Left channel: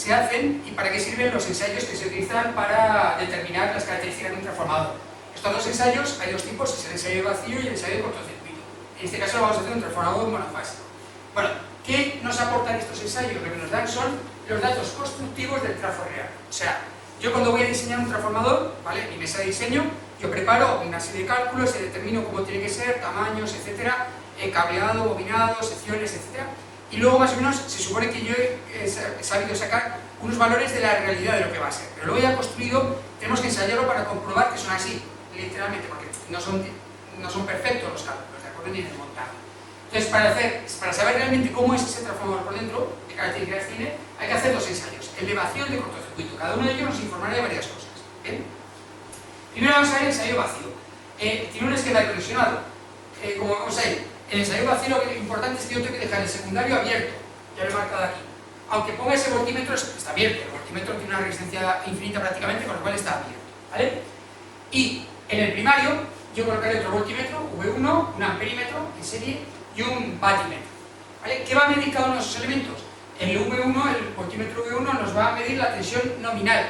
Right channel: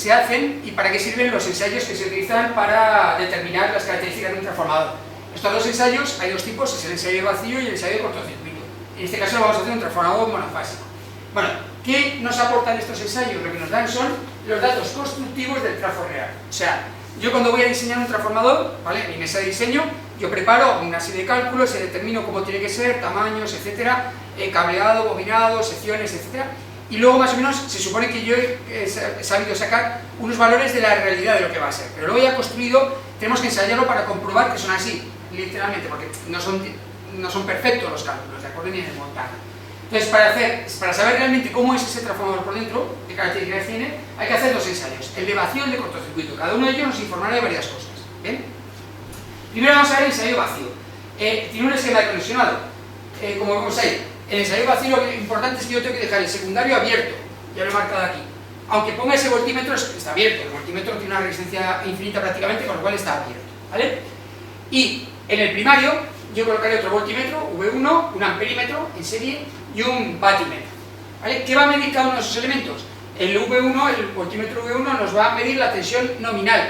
se hacen y para qué sirven los ensayos que se utilizan para determinar las características de un transformador. Estos dos ensayos, hay dos tipos, es el ensayo de vacío y el ensayo de cortocircuito. En este caso lo vamos a hacer un transformador monofásico. Bueno, ¿qué nos aportan estos ensayos? Lo que nos dan son los datos constructivos del trafo real. O sea, yo cuando voy a diseñar un transformador, ¿vale? En mi mesa de diseño, yo preparo una serie de cálculos y determino cómo tiene que ser, tamaños, etcétera, cableado, bobinado, secciones, etcétera. Y luego más o menos se supone que yo he sabido sacar unos valores de la realidad de lo que va a ser. Pero luego ya construido, tenemos que ensayarlo para comprobar que son así, literalmente, porque no son perfectos los cálculos, ¿de acuerdo? Ni en el montaje. Entonces, para saber realmente cómo es ese transformador por dentro, qué características tiene, hay que hacer dos ensayos, el de vacío y el de cortocircuito. Cada uno de ellos nos informará de varias cosas. ¿Bien? Primero vamos a ver el ensayo vacío. Tiene un esquema colisionado, como vemos ahí. El ensayo vacío lo importante es que yo tengo que dejar el secundario abierto, ya lo he marcado aquí. Aunque ponga ese voltímetro, está abierto, el voltímetro tiene una resistencia infinita prácticamente, con lo cual está abierto, ¿vale? Y en el primario yo colocaré otro voltímetro, V1, un amperímetro en serie y un batímetro, ¿vale? ¿Qué va a medir cada uno de esos elementos? El V1, el voltímetro V1 nos va a medir la tensión nominal.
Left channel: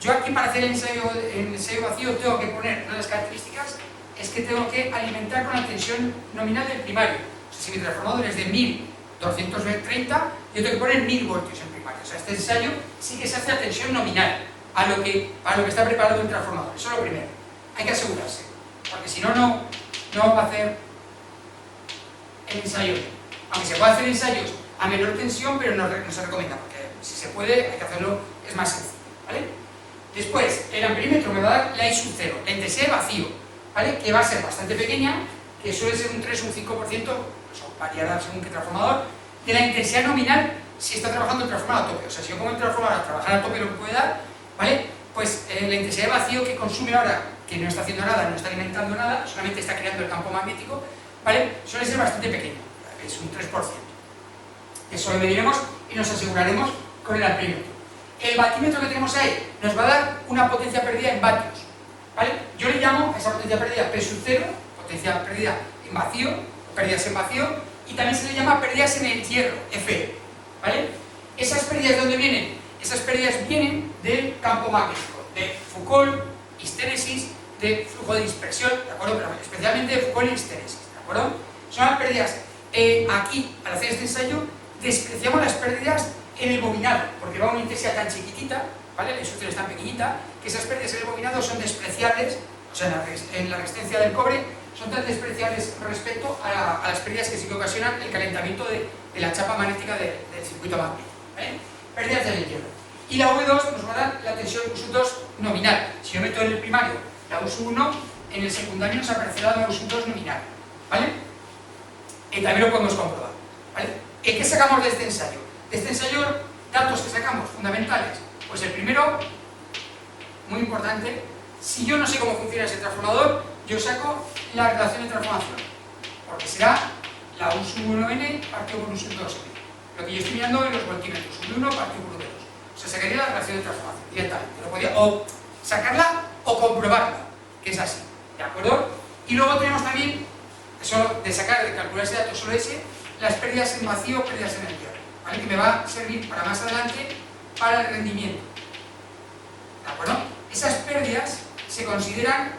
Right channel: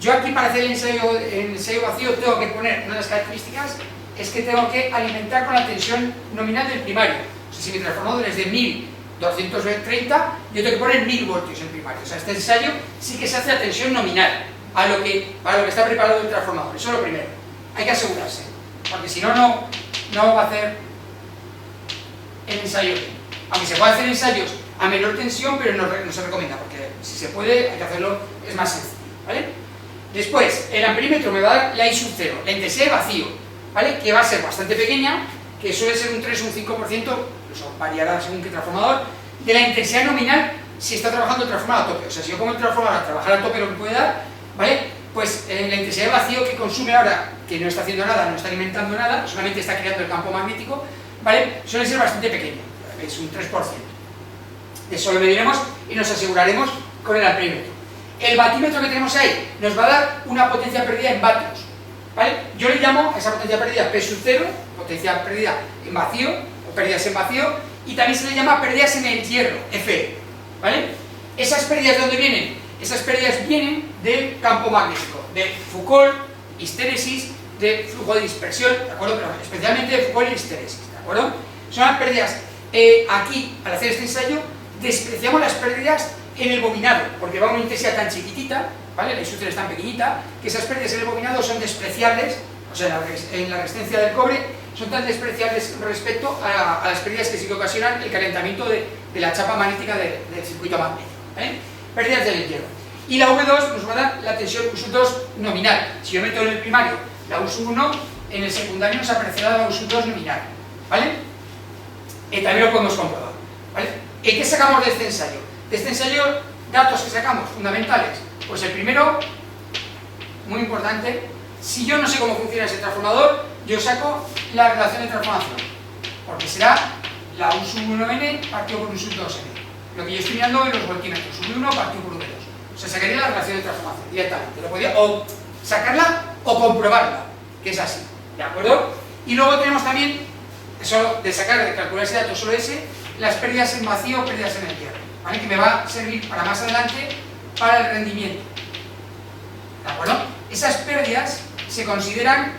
Yo aquí para hacer el ensayo vacío tengo que poner una de las características es que tengo que alimentar con la tensión nominal del primario. O sea, si mi transformador es de 1230, yo tengo que poner 1000 voltios en primario. O sea, este ensayo sí que se hace a tensión nominal, para lo que está preparado el transformador. Eso es lo primero. Hay que asegurarse, porque si no, no va a hacer el ensayo. Aunque se puede hacer ensayos a menor tensión, pero no se recomienda, porque si se puede, hay que hacerlo, es más sencillo, ¿vale? Después, el amperímetro me va a dar la I sub 0, la intensidad de vacío, ¿vale? Que va a ser bastante pequeña, que suele ser un 3 o un 5%, eso variará según qué transformador, de la intensidad nominal si está trabajando el transformador a tope. O sea, si yo como el transformador a trabajar a tope lo que puede dar, ¿vale? Pues la intensidad de vacío que consume ahora, que no está haciendo nada, no está alimentando nada, solamente está creando el campo magnético, ¿vale? Suele ser bastante pequeño, es un 3%. Eso lo mediremos y nos aseguraremos con el amperímetro. El batímetro que tenemos ahí nos va a dar una potencia perdida en vatios, ¿vale? Yo le llamo a esa potencia perdida P sub 0, potencia perdida en vacío, o pérdidas en vacío, y también se le llama pérdidas en el hierro, Fe, ¿vale? ¿Esas pérdidas de dónde vienen? Esas pérdidas vienen del campo magnético, de Foucault, histéresis, de flujo de dispersión, ¿de acuerdo? Pero especialmente de Foucault y histéresis, ¿de acuerdo? Son las pérdidas. Aquí, al hacer este ensayo, despreciamos las pérdidas en el bobinado, porque va a una intensidad tan chiquitita, ¿vale? La I sub 0 es tan pequeñita, que esas pérdidas en el bobinado son despreciables, o sea, en la resistencia del cobre, son tan despreciables respecto a las pérdidas que sí que ocasionan el calentamiento de la chapa magnética del circuito magnético, ¿vale? Pérdidas del hierro. Y la V2 nos va a dar la tensión U sub 2 nominal. Si yo meto en el primario la U sub 1, en el secundario nos aparecerá la U sub 2 nominal, ¿vale? También lo podemos comprobar, ¿vale? ¿Qué sacamos de este ensayo? De este ensayo, datos que sacamos fundamentales. Pues el primero, muy importante, si yo no sé cómo funciona ese transformador, yo saco la relación de transformación, porque será la U sub 1n partido por U sub 2n. Lo que yo estoy mirando en los voltímetros, U1 partido por U2. O sea, sacaría la relación de transformación directamente. Lo podía o sacarla o comprobarla, que es así, ¿de acuerdo? Y luego tenemos también, eso de calcular ese dato solo ese, las pérdidas en vacío o pérdidas en el hierro, ¿vale? Que me va a servir para más adelante para el rendimiento, ¿de acuerdo? Esas pérdidas se consideran,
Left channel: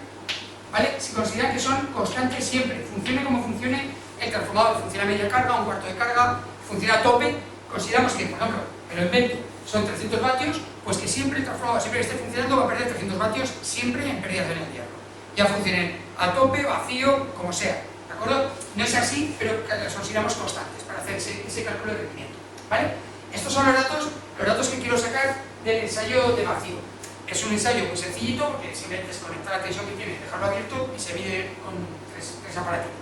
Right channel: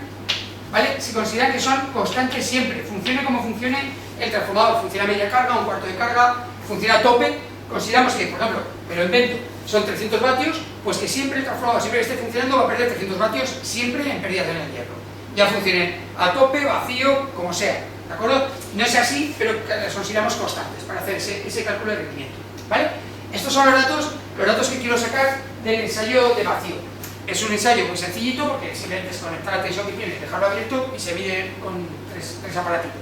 ¿vale? Se consideran que son constantes siempre, funcione como funcione el transformador, funciona a media carga, un cuarto de carga, funciona a tope, consideramos que, por ejemplo, me lo invento, son 300 vatios, pues que siempre el transformador, siempre que esté funcionando, va a perder 300 vatios siempre en pérdidas en el hierro, ya funcione a tope, vacío, como sea, ¿de acuerdo? No es así, pero las consideramos constantes para hacer ese cálculo de rendimiento, ¿vale? Estos son los datos que quiero sacar del ensayo de vacío. Es un ensayo muy sencillito porque simplemente es conectar la tensión que tiene, dejarlo abierto y se mide con tres aparatitos,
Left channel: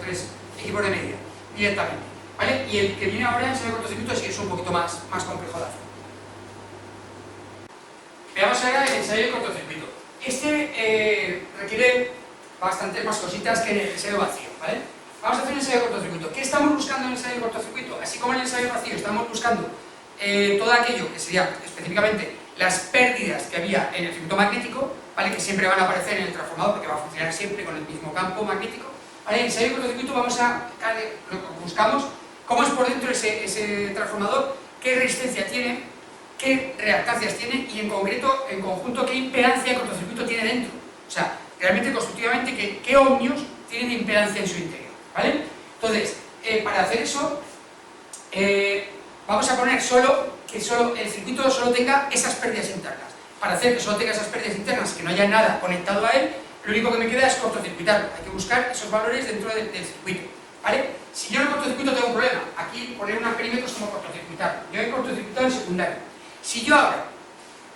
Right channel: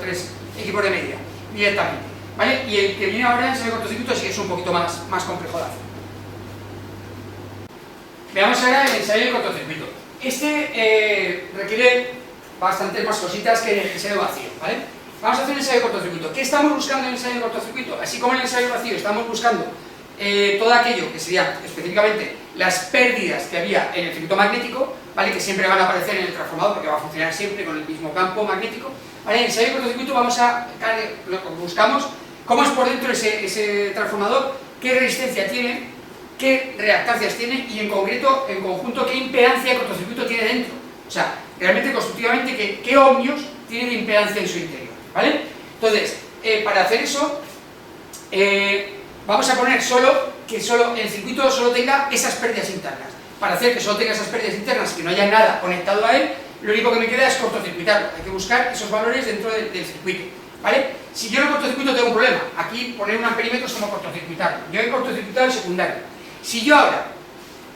tres equipos de medida directamente, ¿vale? Y el que viene ahora, el ensayo de cortocircuito, sí que es un poquito más complejo de hacer. Veamos ahora el ensayo de cortocircuito. Este requiere bastantes más cositas que el ensayo vacío, ¿vale? Vamos a hacer un ensayo de cortocircuito. ¿Qué estamos buscando en el ensayo de cortocircuito? Así como en el ensayo vacío estamos buscando todo aquello que sería específicamente las pérdidas que había en el circuito magnético, ¿vale? Que siempre van a aparecer en el transformador porque va a funcionar siempre con el mismo campo magnético, ¿vale? En el ensayo de cortocircuito buscamos cómo es por dentro ese transformador, qué resistencia tiene, qué reactancias tiene y en concreto, en conjunto, qué impedancia de cortocircuito tiene dentro. O sea, realmente constructivamente qué ohmios tiene de impedancia en su interior, ¿vale? Entonces, para hacer eso, vamos a poner que el circuito solo tenga esas pérdidas internas. Para hacer que solo tenga esas pérdidas internas, que no haya nada conectado a él, lo único que me queda es cortocircuitarlo. Hay que buscar esos valores dentro del circuito, ¿vale? Si yo en el cortocircuito tengo un problema, aquí poner un amperímetro es como cortocircuitarlo. Yo he cortocircuitado el secundario. Si yo ahora,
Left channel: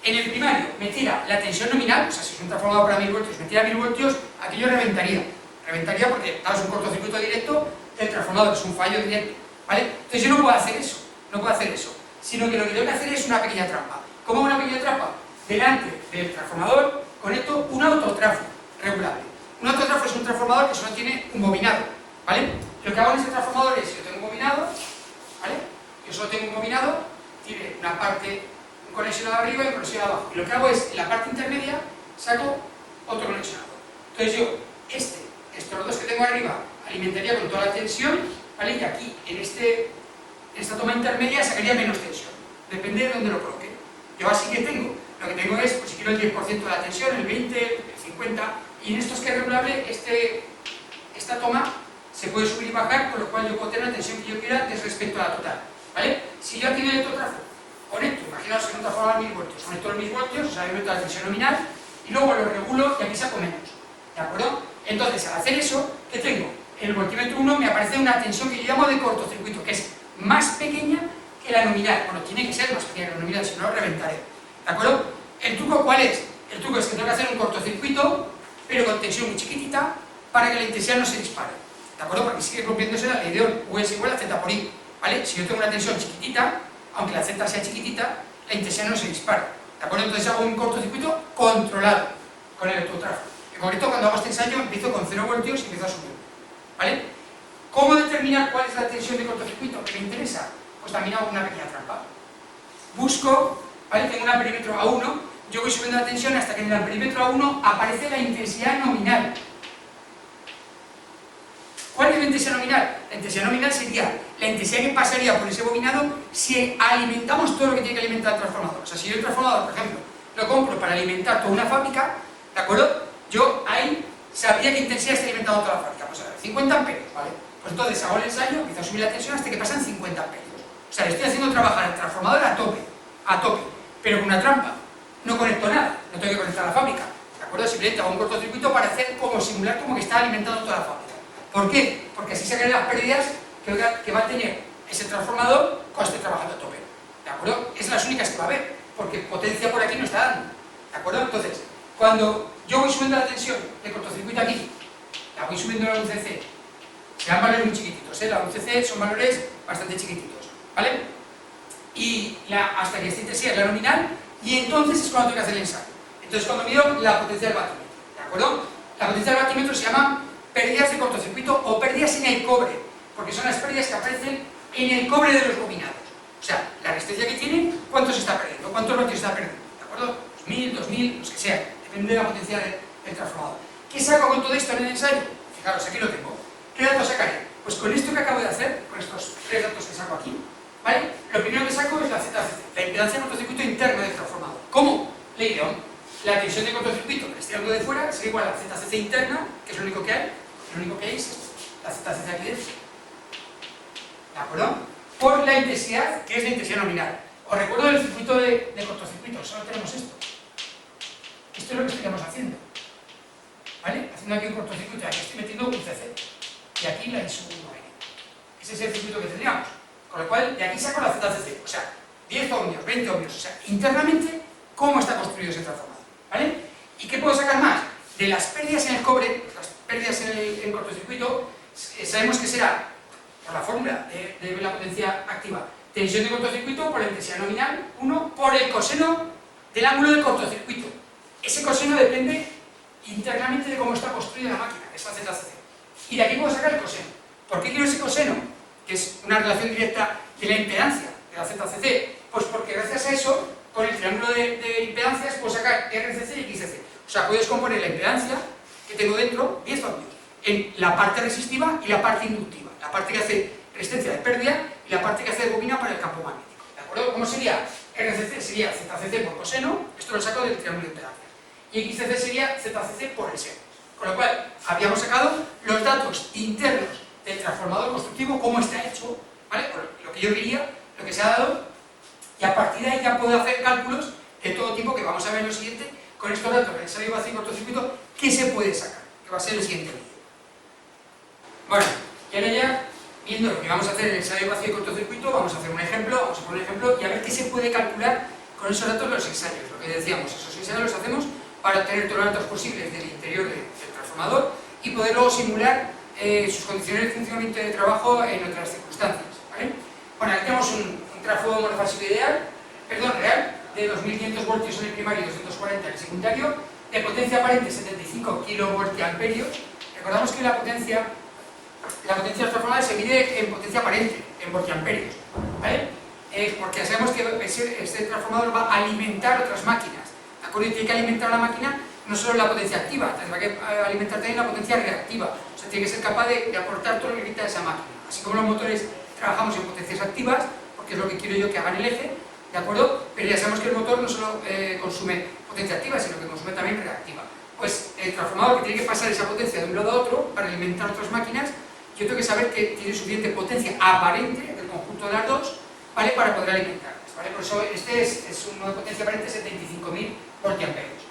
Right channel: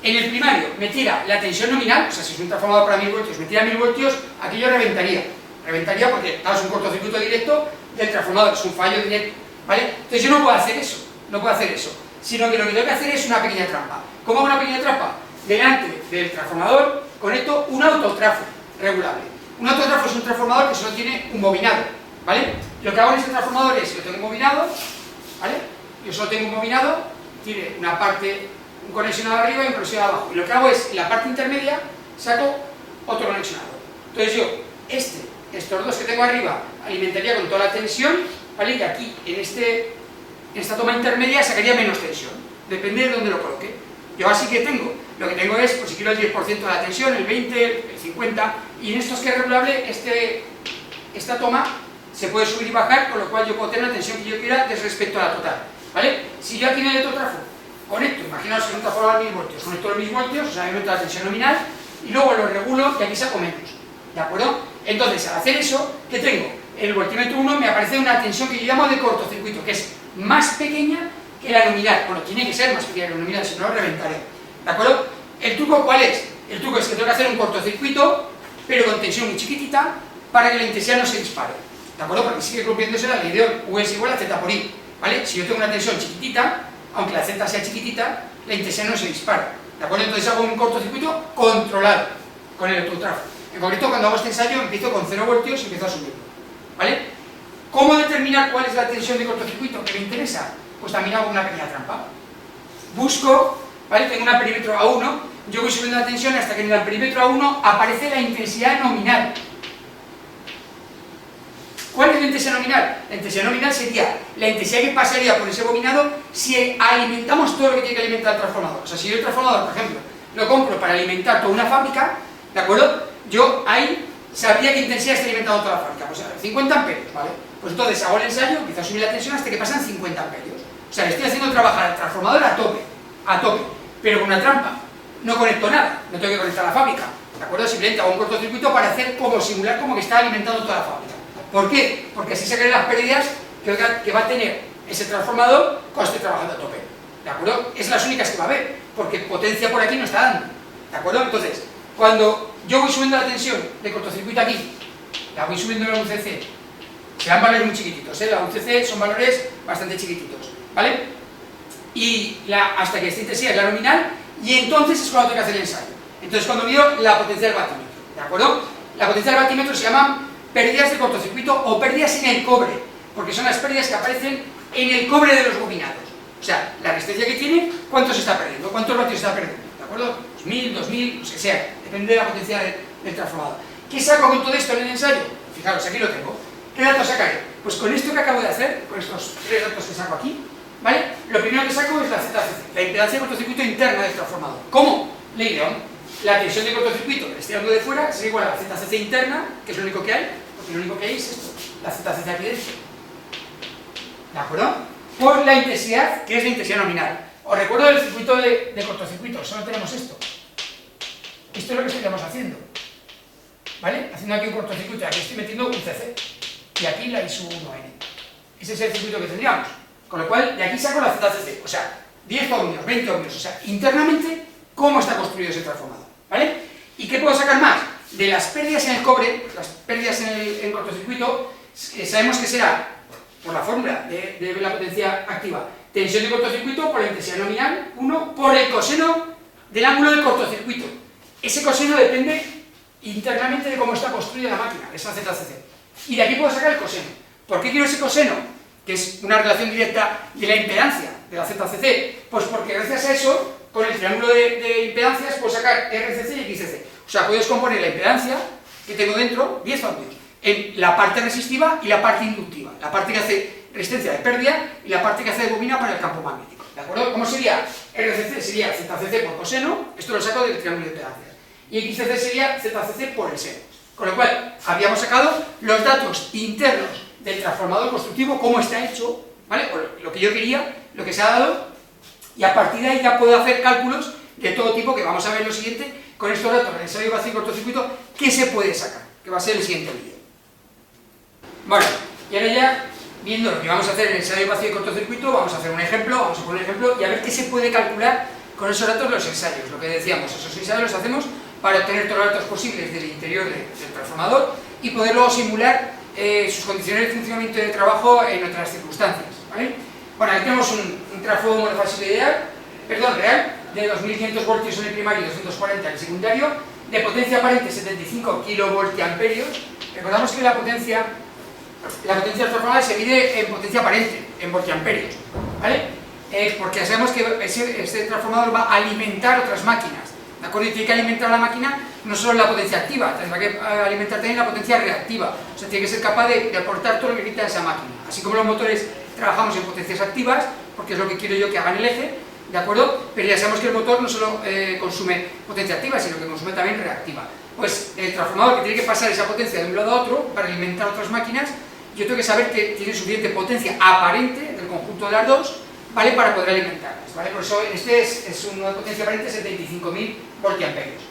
en el primario, metiera la tensión nominal, o sea, si es un transformador para 1000 voltios, metiera 1000 voltios, aquí yo reventaría. Reventaría porque, claro, es un cortocircuito directo del transformador, es un fallo directo, ¿vale? Entonces yo no puedo hacer eso, sino que lo que tengo que hacer es una pequeña trampa. ¿Cómo hago una pequeña trampa? Delante del transformador conecto un autotrafo regulable. Un autotrafo es un transformador que solo tiene un bobinado, ¿vale? Lo que hago en ese transformador es, yo tengo un bobinado, ¿vale? Yo solo tengo un bobinado, tiene una parte, un conexionado arriba y un conexionado abajo. Y lo que hago es, en la parte intermedia, saco otro conexionado. Entonces yo, estos dos que tengo arriba, alimentaría con toda la tensión, ¿vale? Y aquí, en esta toma intermedia, sacaría menos tensión. Depende de dónde lo coloque. Yo así que lo que tengo es, pues si quiero el 10% de la tensión, el 20, el 50, y en estos que es regulable, esta toma se puede subir y bajar, con lo cual yo puedo tener la tensión que yo quiera respecto a la total, ¿vale? Si yo aquí en el autotrafo conecto, imaginaos en un transformador a 1000 voltios, conecto los 1000 voltios, o sea, yo meto la tensión nominal, y luego lo regulo y aquí saco menos, ¿de acuerdo? Entonces, al hacer eso, ¿qué tengo? El voltímetro 1 me aparece una tensión que yo llamo de cortocircuito, que es más pequeña que la nominal. Bueno, tiene que ser más pequeña que la nominal, si no lo reventaré, ¿de acuerdo? ¿El truco cuál es? El truco es que tengo que hacer un cortocircuito, pero con tensión muy chiquitita, para que la intensidad no se dispare, ¿de acuerdo? Porque sigue cumpliéndose la ley de Ohm, U es igual a Z por I, ¿vale? Si yo tengo una tensión chiquitita, aunque la Z sea chiquitita, la intensidad no se dispara, ¿de acuerdo? Entonces hago un cortocircuito controlado con el autotrafo. En concreto, cuando hago este ensayo, empiezo con 0 voltios y empiezo a subirlo, ¿vale? ¿Cómo determinar cuál es la tensión de cortocircuito que me interesa? Pues también hago una pequeña trampa. Busco, ¿vale? Tengo un amperímetro A1, yo voy subiendo la tensión hasta que en el amperímetro A1 aparece la intensidad nominal. ¿Cuál es la intensidad nominal? La intensidad nominal sería la intensidad que pasaría por ese bobinado si alimentamos todo lo que tiene que alimentar el transformador. O sea, si yo el transformador, por ejemplo, lo compro para alimentar toda una fábrica, ¿de acuerdo? Yo ahí sabría qué intensidad está alimentando toda la fábrica. Pues 50 amperios, ¿vale? Pues entonces hago el ensayo, empiezo a subir la tensión hasta que pasan 50 amperios. O sea, le estoy haciendo trabajar al transformador a tope, pero con una trampa. No conecto nada, no tengo que conectar la fábrica, ¿de acuerdo? Simplemente hago un cortocircuito para hacer simular como que está alimentando toda la fábrica. ¿Por qué? Porque así se crean las pérdidas que va a tener ese transformador cuando esté trabajando a tope, ¿de acuerdo? Es las únicas que va a haber, porque potencia por aquí no está dando, ¿de acuerdo? Entonces, cuando yo voy subiendo la tensión de cortocircuito aquí, la voy subiendo a la UCC, serán valores muy chiquititos, ¿eh? La UCC son valores bastante chiquititos, ¿vale? Y hasta que esta intensidad es la nominal, y entonces es cuando tengo que hacer el ensayo. Entonces, cuando mido la potencia del batímetro, ¿de acuerdo? La potencia del batímetro se llaman pérdidas de cortocircuito o pérdidas en el cobre, porque son las pérdidas que aparecen en el cobre de los bobinados. O sea, la resistencia que tiene, ¿cuánto se está perdiendo? ¿Cuántos vatios se está perdiendo? ¿De acuerdo? 1000, 2000, los que sean, depende de la potencia del transformador. ¿Qué saco con todo esto en el ensayo? Fijaros, aquí lo tengo. ¿Qué datos sacaré? Pues con esto que acabo de hacer, con estos 3 datos que saco aquí, ¿vale? Lo primero que saco es la ZCC, la impedancia de cortocircuito interna del transformador. ¿Cómo? Ley de Ohm. La tensión de cortocircuito que le estoy dando de fuera sería igual a la ZCC interna, que es lo único que hay, porque lo único que hay es esto, la ZCC aquí dentro. ¿De acuerdo? Por la intensidad, que es la intensidad nominal. Os recuerdo del circuito de cortocircuito, solo tenemos esto. Esto es lo que estaríamos haciendo, ¿vale? Haciendo aquí un cortocircuito, y aquí estoy metiendo un CC, y aquí la ISU1N. Ese es el circuito que tendríamos. Con lo cual, de aquí saco la ZCC, o sea, 10 ohmios, 20 ohmios, o sea, internamente, cómo está construido ese transformador, ¿vale? ¿Y qué puedo sacar más? De las pérdidas en el cobre, las pérdidas en cortocircuito, sabemos que será, por la fórmula de la potencia activa, tensión de cortocircuito por la intensidad nominal, 1, por el coseno del ángulo de cortocircuito. Ese coseno depende internamente de cómo está construida la máquina, esa ZCC. Y de aquí puedo sacar el coseno. ¿Por qué quiero ese coseno? Que es una relación directa de la impedancia de la ZCC. Pues porque gracias a eso, con el triángulo de impedancias, puedo sacar RCC y XCC. O sea, puedo descomponer la impedancia que tengo dentro, 10 ohmios, en la parte resistiva y la parte inductiva. La parte que hace resistencia de pérdida y la parte que hace de bobina para el campo magnético. ¿de acuerdo? ¿Cómo sería? RCC sería ZCC por coseno, esto lo saco del triángulo de impedancias, y XCC sería ZCC por el seno. Con lo cual, habíamos sacado los datos internos del transformador constructivo, cómo está hecho, ¿vale? O lo que yo quería, lo que se ha dado, y a partir de ahí ya puedo hacer cálculos de todo tipo, que vamos a ver en lo siguiente, con estos datos del ensayo vacío y cortocircuito, qué se puede sacar, que va a ser el siguiente vídeo. Bueno, y ahora ya, viendo lo que vamos a hacer en el ensayo vacío y cortocircuito, vamos a hacer un ejemplo, vamos a poner un ejemplo, y a ver qué se puede calcular con esos datos de los ensayos. Lo que decíamos, esos ensayos los hacemos para obtener todos los datos posibles del interior del transformador y poder luego simular sus condiciones de funcionamiento y de trabajo en otras circunstancias, ¿vale? Bueno, aquí tenemos un trafo monofásico real, de 2500 voltios en el primario y 240 en el secundario, de potencia aparente 75 kilovoltiamperios. Recordamos que la potencia del transformador se mide en potencia aparente, en voltiamperios, ¿vale? Porque ya sabemos que este transformador va a alimentar otras máquinas, ¿de acuerdo? Y tiene que alimentar la máquina no solo la potencia activa, tendrá que alimentar también la potencia reactiva, o sea, tiene que ser capaz de aportar todo lo que necesita esa máquina. Así como los motores trabajamos en potencias activas, porque es lo que quiero yo que haga en el eje, ¿de acuerdo? Pero ya sabemos que el motor no solo consume potencia activa, sino que consume también reactiva. Pues el transformador, que tiene que pasar esa potencia de un lado a otro para alimentar otras máquinas, yo tengo que saber que tiene suficiente potencia aparente del conjunto de las dos, ¿vale? Para poder alimentarlas, ¿vale? Por eso este es una potencia aparente de 75.000 voltiamperios.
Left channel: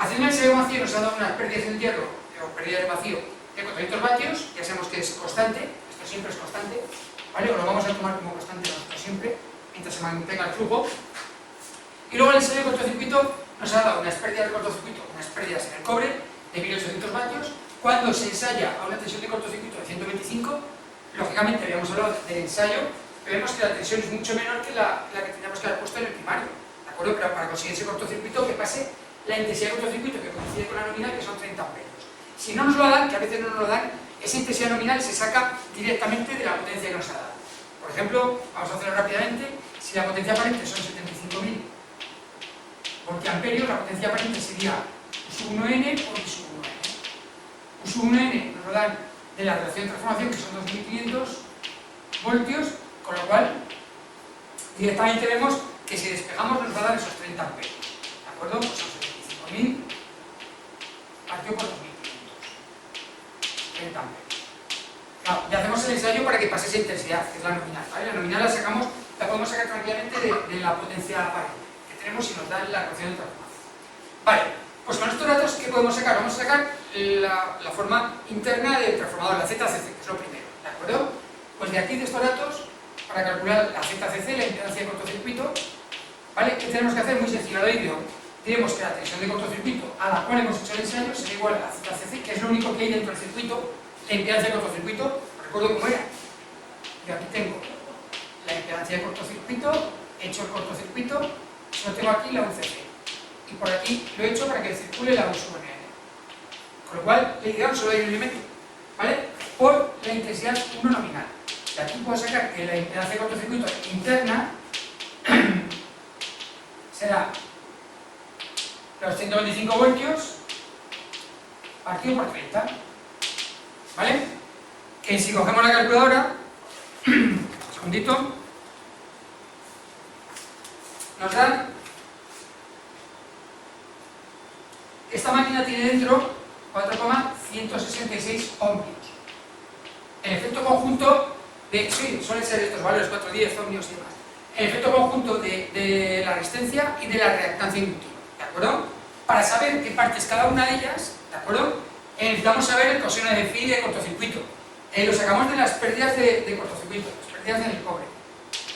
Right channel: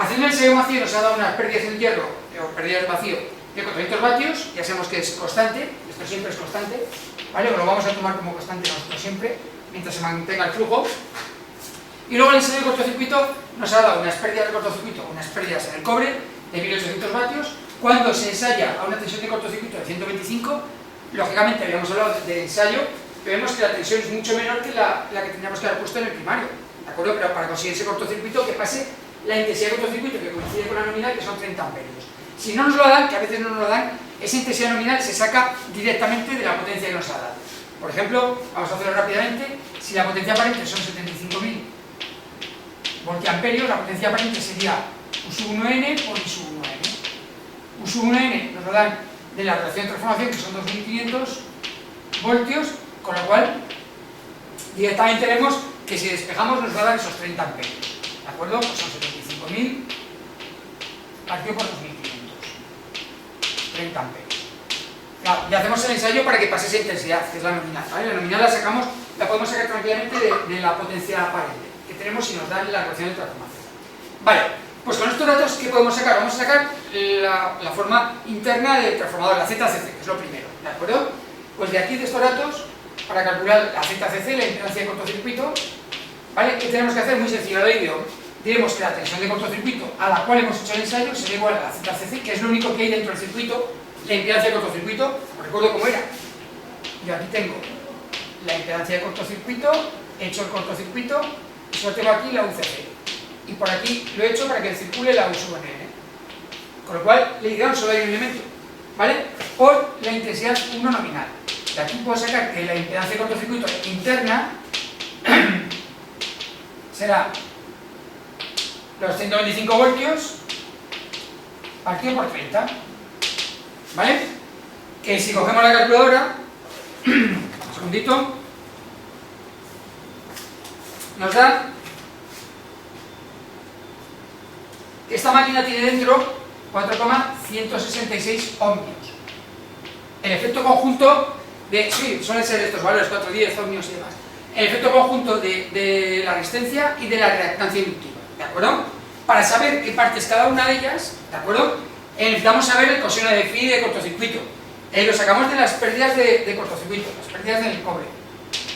Haciendo el ensayo vacío nos ha dado unas pérdidas del hierro, o pérdidas de vacío, de 400 vatios, ya sabemos que es constante, esto siempre es constante, ¿vale? Lo vamos a tomar como constante nosotros siempre, mientras se mantenga el flujo. Y luego el ensayo de cortocircuito nos ha dado unas pérdidas de cortocircuito, unas pérdidas en el cobre de 1800 vatios. Cuando se ensaya a una tensión de cortocircuito de 125, lógicamente habíamos hablado de ensayo, pero vemos que la tensión es mucho menor que la que tendríamos que haber puesto en el primario, ¿de acuerdo? Pero para conseguir ese cortocircuito, que pase la intensidad de cortocircuito que coincide con la nominal, que son 30 amperios. Si no nos lo dan, que a veces no nos lo dan, esa intensidad nominal se saca directamente de la potencia que nos ha dado. Por ejemplo, vamos a hacerlo rápidamente, si la potencia aparente son 75.000 voltiamperios, la potencia aparente sería U sub 1n por I sub 1n. U sub 1n nos lo dan de la relación de transformación, que son 2500 voltios, con lo cual directamente vemos que si despejamos nos va a dar esos 30 amperios, ¿de acuerdo? Pues son 75.000 partido por 2500, 30 amperios. Claro, ya hacemos el ensayo para que pase esa intensidad, que es la nominal, ¿vale? La nominal la podemos sacar tranquilamente de la potencia aparente que tenemos si nos dan la relación de transformación. Vale, pues con estos datos, ¿qué podemos sacar? Vamos a sacar la forma interna del transformador, la ZCC, que es lo primero, ¿de acuerdo? Pues de aquí, de estos datos, para calcular la ZCC, la impedancia de cortocircuito, ¿vale? ¿Qué tenemos que hacer? Muy sencillo, diremos que la tensión de cortocircuito a la cual hemos hecho el ensayo sería igual a la ZCC, que es lo único que hay dentro del circuito, la impedancia de cortocircuito. Os recuerdo cómo era. Yo aquí tengo la impedancia de cortocircuito, he hecho el cortocircuito, y solo tengo aquí la UCC. Y por aquí lo he hecho para que circule la U sub n. Con lo cual, le dirán solo hay un elemento, ¿vale? Por la intensidad 1 nominal. De aquí puedo sacar que la impedancia de cortocircuito interna será los 125 voltios partido por 30, ¿vale? Que si cogemos la calculadora, un segundito, nos da que esta máquina tiene dentro 4,166 ohmios. El efecto conjunto de, sí, suelen ser estos valores, 410 ohmios y demás. El efecto conjunto de la resistencia y de la reactancia inductiva, ¿de acuerdo? Para saber qué parte es cada una de ellas, ¿de acuerdo? Necesitamos saber el coseno de phi de cortocircuito. Lo sacamos de las pérdidas de cortocircuito, las pérdidas del cobre.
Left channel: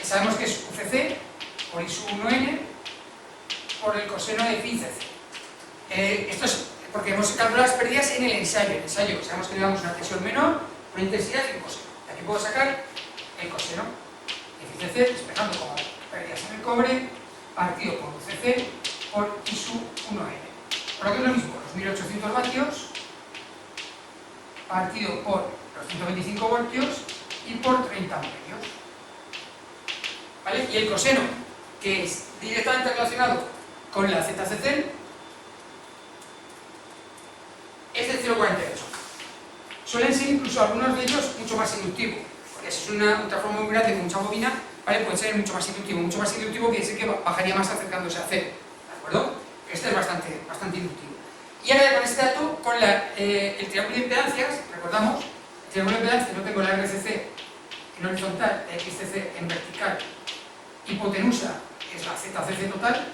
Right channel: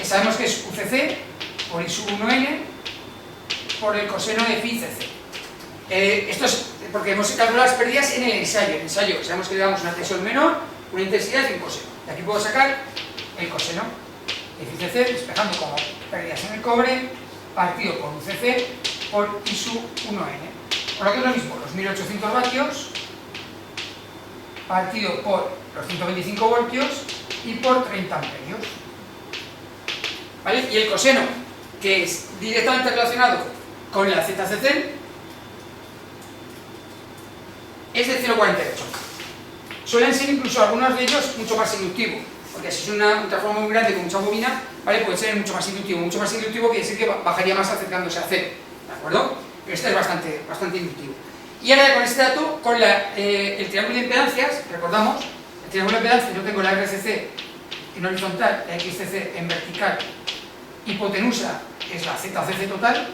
Sabemos que es UCC por I sub 1n por el coseno de phi CC. Esto es porque hemos calculado las pérdidas en el ensayo. En el ensayo sabemos que llevamos una tensión menor, una intensidad y un coseno. De aquí puedo sacar el coseno de phi CC, despejando como pérdidas en el cobre, partido por UCC por I sub 1n. Por lo que es lo mismo, los 1800 vatios partido por los 125 voltios y por 30 amperios. ¿Vale? Y el coseno, que es directamente relacionado con la ZCC, es de 0,48. Suelen ser incluso algunos de ellos mucho más inductivos. porque si es un transformador muy grande con mucha bobina, ¿vale? Puede ser mucho más inductivo quiere decir que bajaría más acercándose a cero, ¿de acuerdo? Pero este es bastante inductivo. Y ahora ya con este dato, con el triángulo de impedancias, recordamos, el triángulo de impedancias, yo tengo la RCC en horizontal, la XCC en vertical, hipotenusa es la ZCC total,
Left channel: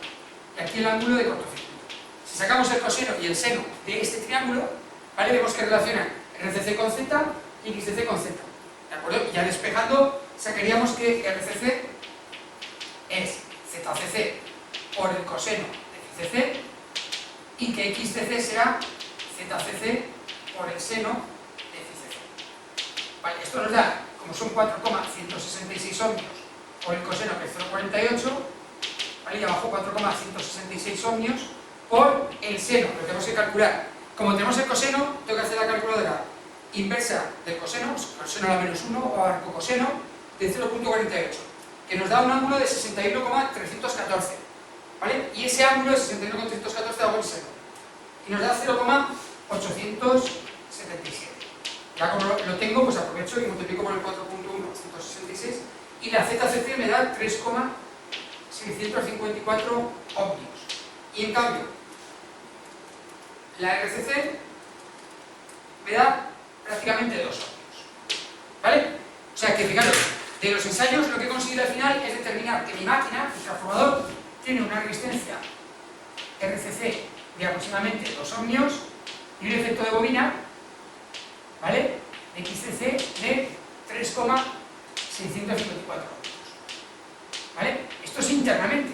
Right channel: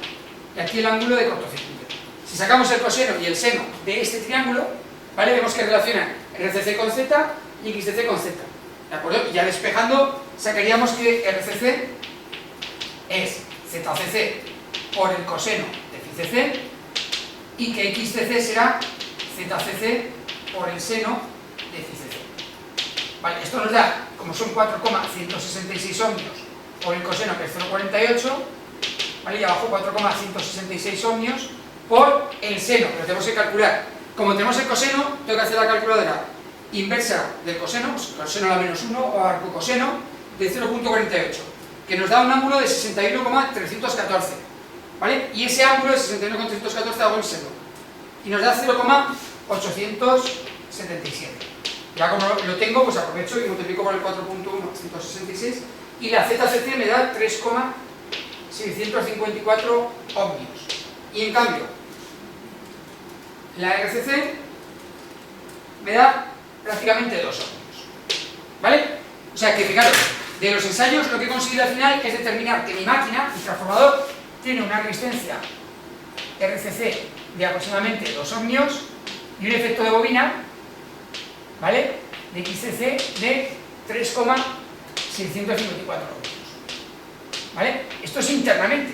y aquí el ángulo de cortocircuito. Si sacamos el coseno y el seno de este triángulo, ¿vale? Vemos que relacionan RCC con Z y XCC con Z, ¿de acuerdo? Y ya despejando, sacaríamos que RCC es ZCC por el coseno de phi CC y que XCC será ZCC por el seno de phi CC. Vale, esto nos da, como son 4,166 ohmios por el coseno que es 0,48, ¿vale? Y abajo 4,166 ohmios por el seno, pero tenemos que calcular. Como tenemos el coseno, tengo que hacer la calculadora inversa del coseno, coseno a la menos 1 o arco coseno de 0,48, que nos da un ángulo de 61,314, ¿vale? Y ese ángulo de 61,314 hago el seno, y nos da 0,877. Ya como lo tengo, pues aprovecho y multiplico por el 4,166, y la ZCC me da 3,654 ohmios. Y en cambio, la RCC me da prácticamente 2 ohmios, ¿vale? O sea que, fijaros, de los ensayos lo que he conseguido al final es determinar que mi máquina, mi transformador, tiene una resistencia RCC de aproximadamente 2 ohmios y un efecto de bobina, ¿vale?, de XCC de 3,654 ohmios, ¿vale? Esto es internamente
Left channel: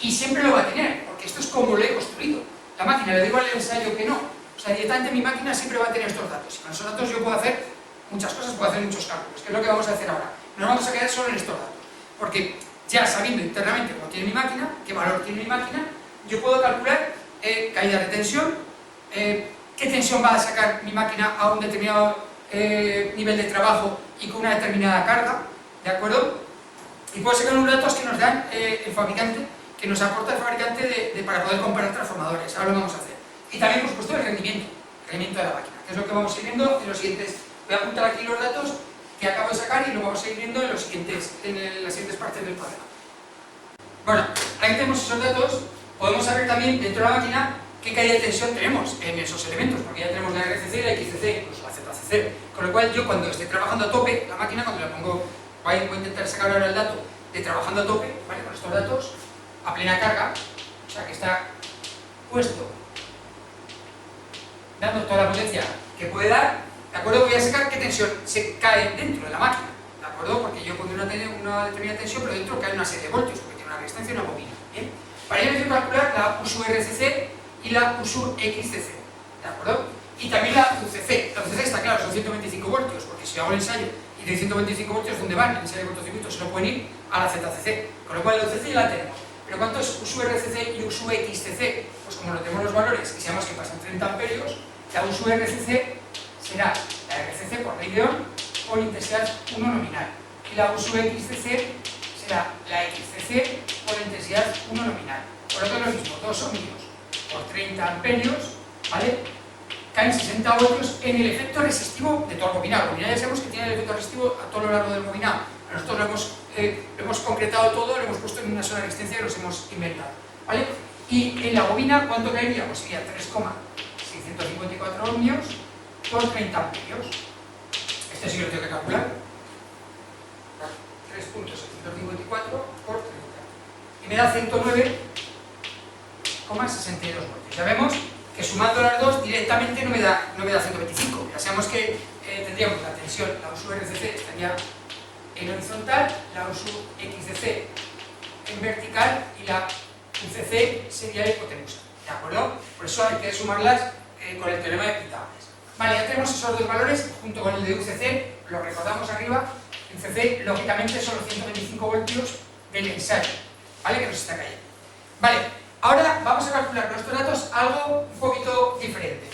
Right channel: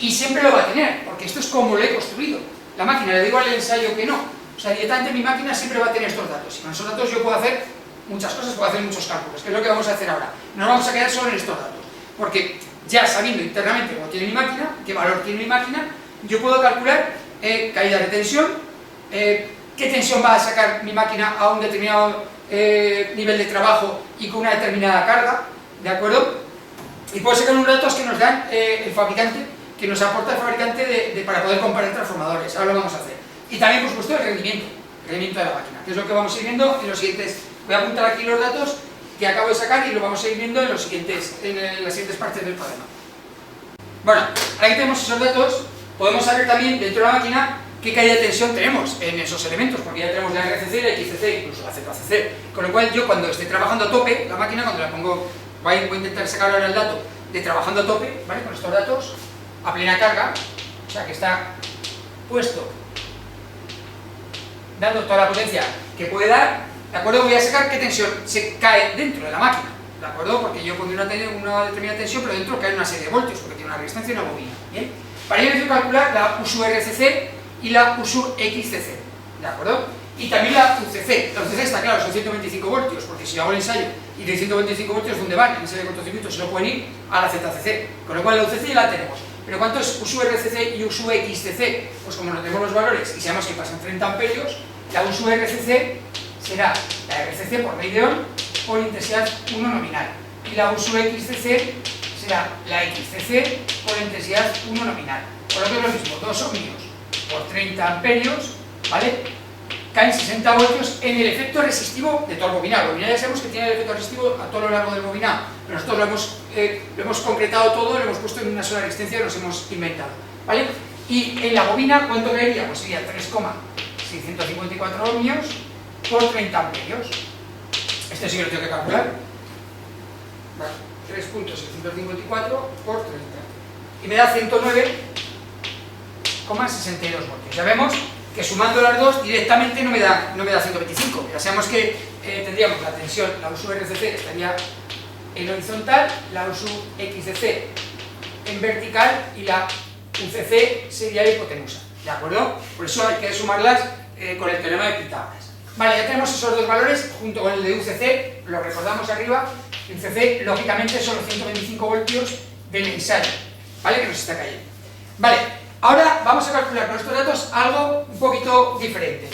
y siempre lo va a tener, porque esto es como lo he construido. La máquina, le digo al ensayo que no, o sea, directamente mi máquina siempre va a tener estos datos, y con esos datos yo puedo hacer muchas cosas, puedo hacer muchos cálculos, que es lo que vamos a hacer ahora. No nos vamos a quedar solo en estos datos, porque ya sabiendo internamente cómo tiene mi máquina, qué valor tiene mi máquina, yo puedo calcular caída de tensión, qué tensión va a sacar mi máquina a un determinado nivel de trabajo y con una determinada carga, ¿de acuerdo? Y puedo sacar unos datos que nos dan el fabricante, que nos aporta el fabricante para poder comparar transformadores. Ahora lo vamos a hacer. Y también, por supuesto, el rendimiento de la máquina, que es lo que vamos a ir viendo en los siguientes. Voy a apuntar aquí los datos que acabo de sacar y lo vamos a ir viendo en las siguientes partes del cuaderno. Bueno, ahora que tenemos esos datos, podemos saber también dentro de la máquina qué caída de tensión tenemos en esos elementos, porque ya tenemos la RCC, la XCC, incluso la ZCC. Con lo cual, yo cuando esté trabajando a tope, la máquina, cuando la pongo, voy a intentar sacar ahora el dato de trabajando a tope, ¿vale?, con estos datos, a plena carga, o sea que está puesto dando toda la potencia que puede dar, ¿de acuerdo? Voy a sacar qué tensión se cae dentro de la máquina, ¿de acuerdo? Porque yo pondré una determinada tensión, pero dentro cae una serie de voltios, porque tiene una resistencia y una bobina, ¿bien? Para ello necesito calcular la USU RCC y la USU XCC, ¿de acuerdo? Y también la UCC. La UCC está claro, son 125 voltios, porque si hago el ensayo y de 125 voltios, ¿dónde van? El ensayo de cortocircuito se lo pueden ir a la ZCC, con lo cual la UCC ya la tenemos. Pero ¿cuánto es USU RCC y USU XCC? Pues como no tenemos los valores y sabemos que pasan 30 amperios, la USU RCC será la RCC por ley de Ohm por intensidad 1 nominal. Y la USU XCC será la XCC por intensidad 1 nominal. Por lo que es lo mismo, 2 ohmios por 30 amperios, ¿vale?, caen 60 voltios en el efecto resistivo de todo el bobinado. El bobinado ya sabemos que tiene el efecto resistivo a todo lo largo del bobinado, pero nosotros lo hemos concretado todo, lo hemos puesto en una sola resistencia y nos hemos inventado, ¿vale? Y en la bobina, ¿cuánto caería? Pues sería 3,654 ohmios por 30 amperios. Este sí que lo tengo que calcular. Vale, 3,654 por 30. Y me da 109,62 voltios. Ya vemos que sumando las dos directamente no me da 125. Ya sabemos que tendríamos la tensión, la USU RCC estaría en horizontal, la USU XCC en vertical y la UCC sería hipotenusa, ¿de acuerdo? Por eso hay que sumarlas con el teorema de Pitágoras. Vale, ya tenemos esos dos valores junto con el de UCC, lo recordamos arriba. UCC lógicamente son los 125 voltios del ensayo, ¿vale?, que nos está cayendo. Vale. Ahora vamos a calcular con estos datos algo un poquito diferente.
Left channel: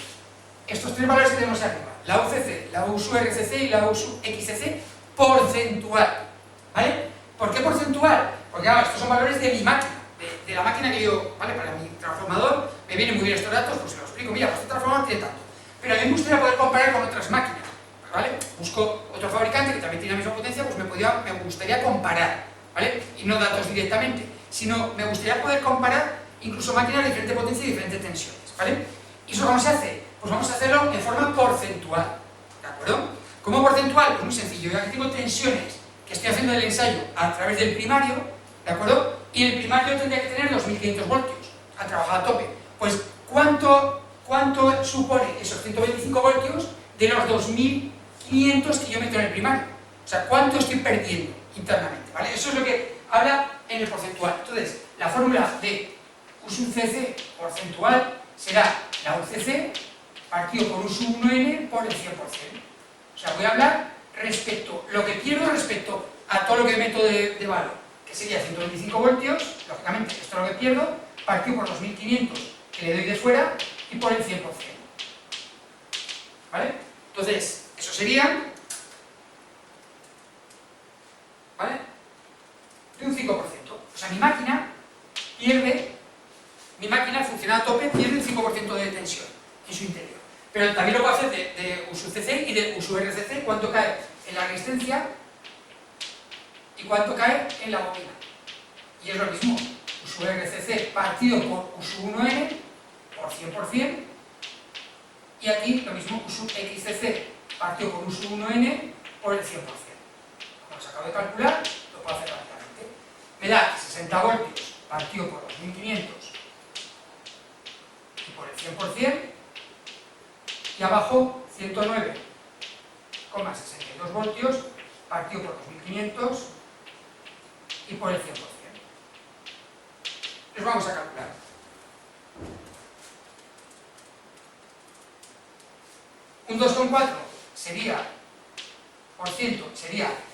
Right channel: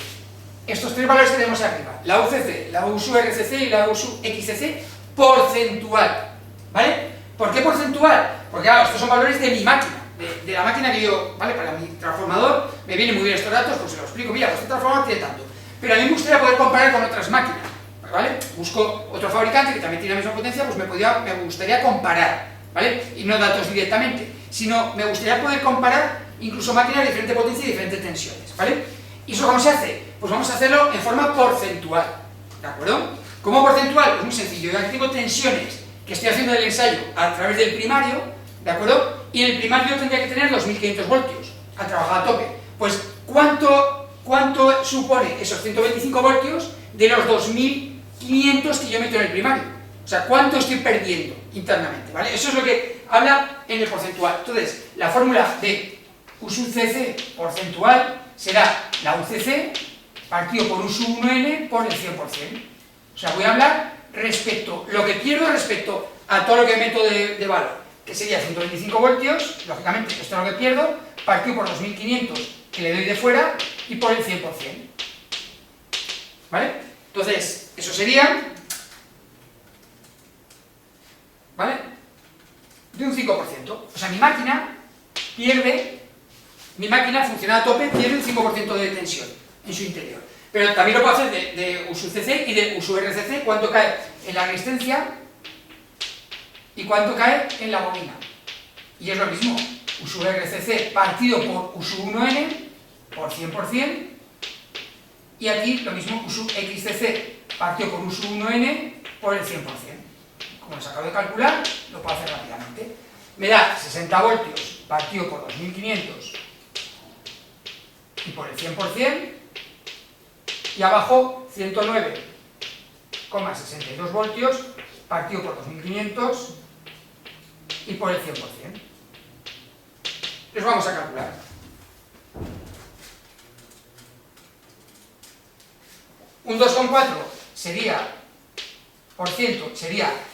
Estos tres valores que tenemos arriba, la UCC, la USU RCC y la USU XCC, porcentual, ¿vale? ¿Por qué porcentual? Porque claro, estos son valores de mi máquina, de la máquina que yo, ¿vale? Para mi transformador me vienen muy bien estos datos, pues se lo explico, mira, pues este transformador tiene tanto. Pero a mí me gustaría poder comparar con otras máquinas. ¿vale? Busco otro fabricante que también tiene la misma potencia, pues me gustaría comparar, ¿vale? Y no datos directamente, sino me gustaría poder comparar incluso máquinas de diferente potencia y diferentes tensiones, ¿vale? ¿Y eso cómo se hace? Pues vamos a hacerlo en forma porcentual, ¿de acuerdo? ¿Cómo porcentual? Pues muy sencillo, yo aquí tengo tensiones que estoy haciendo el ensayo a través del primario, ¿de acuerdo? Y en el primario tendría que tener 2500 voltios al trabajar a tope. Pues, ¿cuánto supone esos 125 voltios de los 2500 que yo meto en el primario? O sea, ¿cuánto estoy perdiendo internamente? ¿Vale? Eso es lo que habla en el porcentual. Entonces, la fórmula de U sub cc porcentual será la UCC partido por U sub 1n por el 100%. O sea, voy a hablar respecto, lo que pierdo respecto a todo lo que meto de valor, que sería 125 voltios, lógicamente esto es lo que pierdo, partido por 2500 que le doy de fuera y por el 100%. ¿Vale? Entonces, eso sería, ¿vale? De un 5%. O sea, mi máquina funciona a tope, pierde el 5% de tensión en su interior. Pero también lo puedo hacer de U sub cc y de U sub rcc, cuánto cae en la resistencia y cuánto cae en la bobina. Y es lo mismo, U sub rcc partido por U sub 1n por 100%, y aquí lo mismo, U sub xcc partido por U sub 1n por el 100%. Como les acabo de calcular, lo puedo hacer rápidamente. Me da 60 voltios partido por 2500 y por el 100%, y abajo 109,62 voltios partido por 2500 y por el 100%. Les vamos a calcular. Un 2,4 sería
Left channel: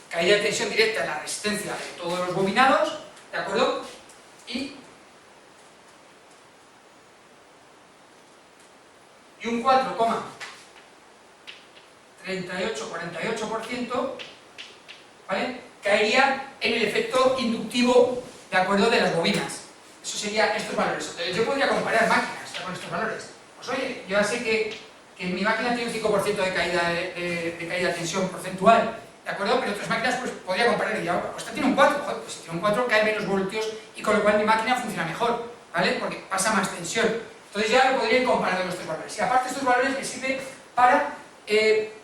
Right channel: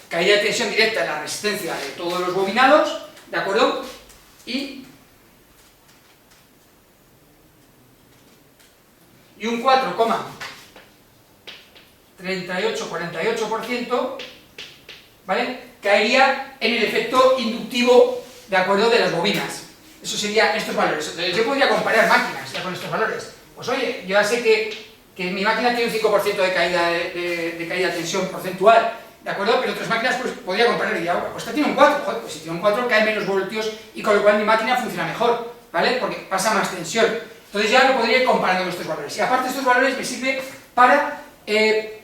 caída de tensión directa en la resistencia de todos los bobinados, ¿de acuerdo? Y un 4,3848%, ¿vale? Caería en el efecto inductivo, ¿de acuerdo?, de las bobinas. Eso serían estos valores. Entonces yo podría comparar máquinas ya con estos valores. Pues oye, yo ya sé que mi máquina tiene un 5% de caída de tensión porcentual, ¿de acuerdo? Pero otras máquinas pues podría comparar y diría, pues esta tiene un 4, joder, pues si tiene un 4 cae menos voltios y con lo cual mi máquina funciona mejor, ¿vale? Porque pasa más tensión. Entonces ya lo podría ir comparando con estos valores. Y aparte estos valores me sirve para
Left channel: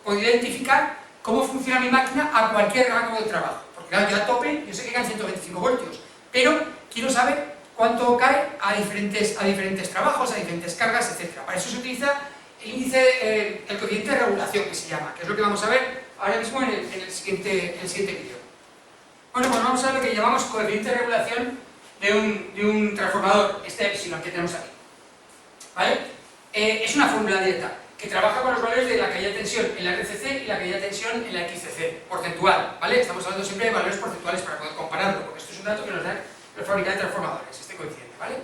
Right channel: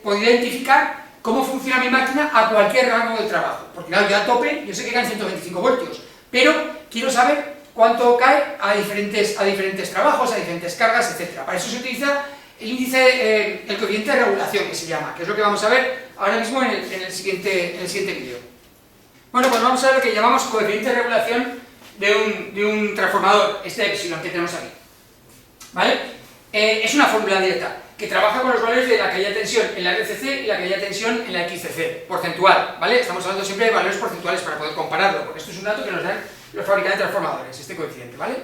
poder identificar cómo funciona mi máquina a cualquier rango de trabajo. Porque claro, yo a tope, yo sé que caen 125 voltios, pero quiero saber cuánto cae a diferentes trabajos, a diferentes cargas, etc. Para eso se utiliza el índice, el coeficiente de regulación, que se llama, que es lo que vamos a ver ahora mismo en el siguiente vídeo. Bueno, pues vamos a ver lo que llamamos coeficiente de regulación de un transformador, este epsilon que tenemos aquí. ¿Vale? Es una fórmula directa que trabaja con los valores de la caída de tensión en la RCC y la caída de tensión en la XCC, porcentual, ¿vale? Estamos hablando siempre de valores porcentuales para poder compararlo, porque esto es un dato que nos dan los fabricantes de transformadores, este coeficiente, ¿vale?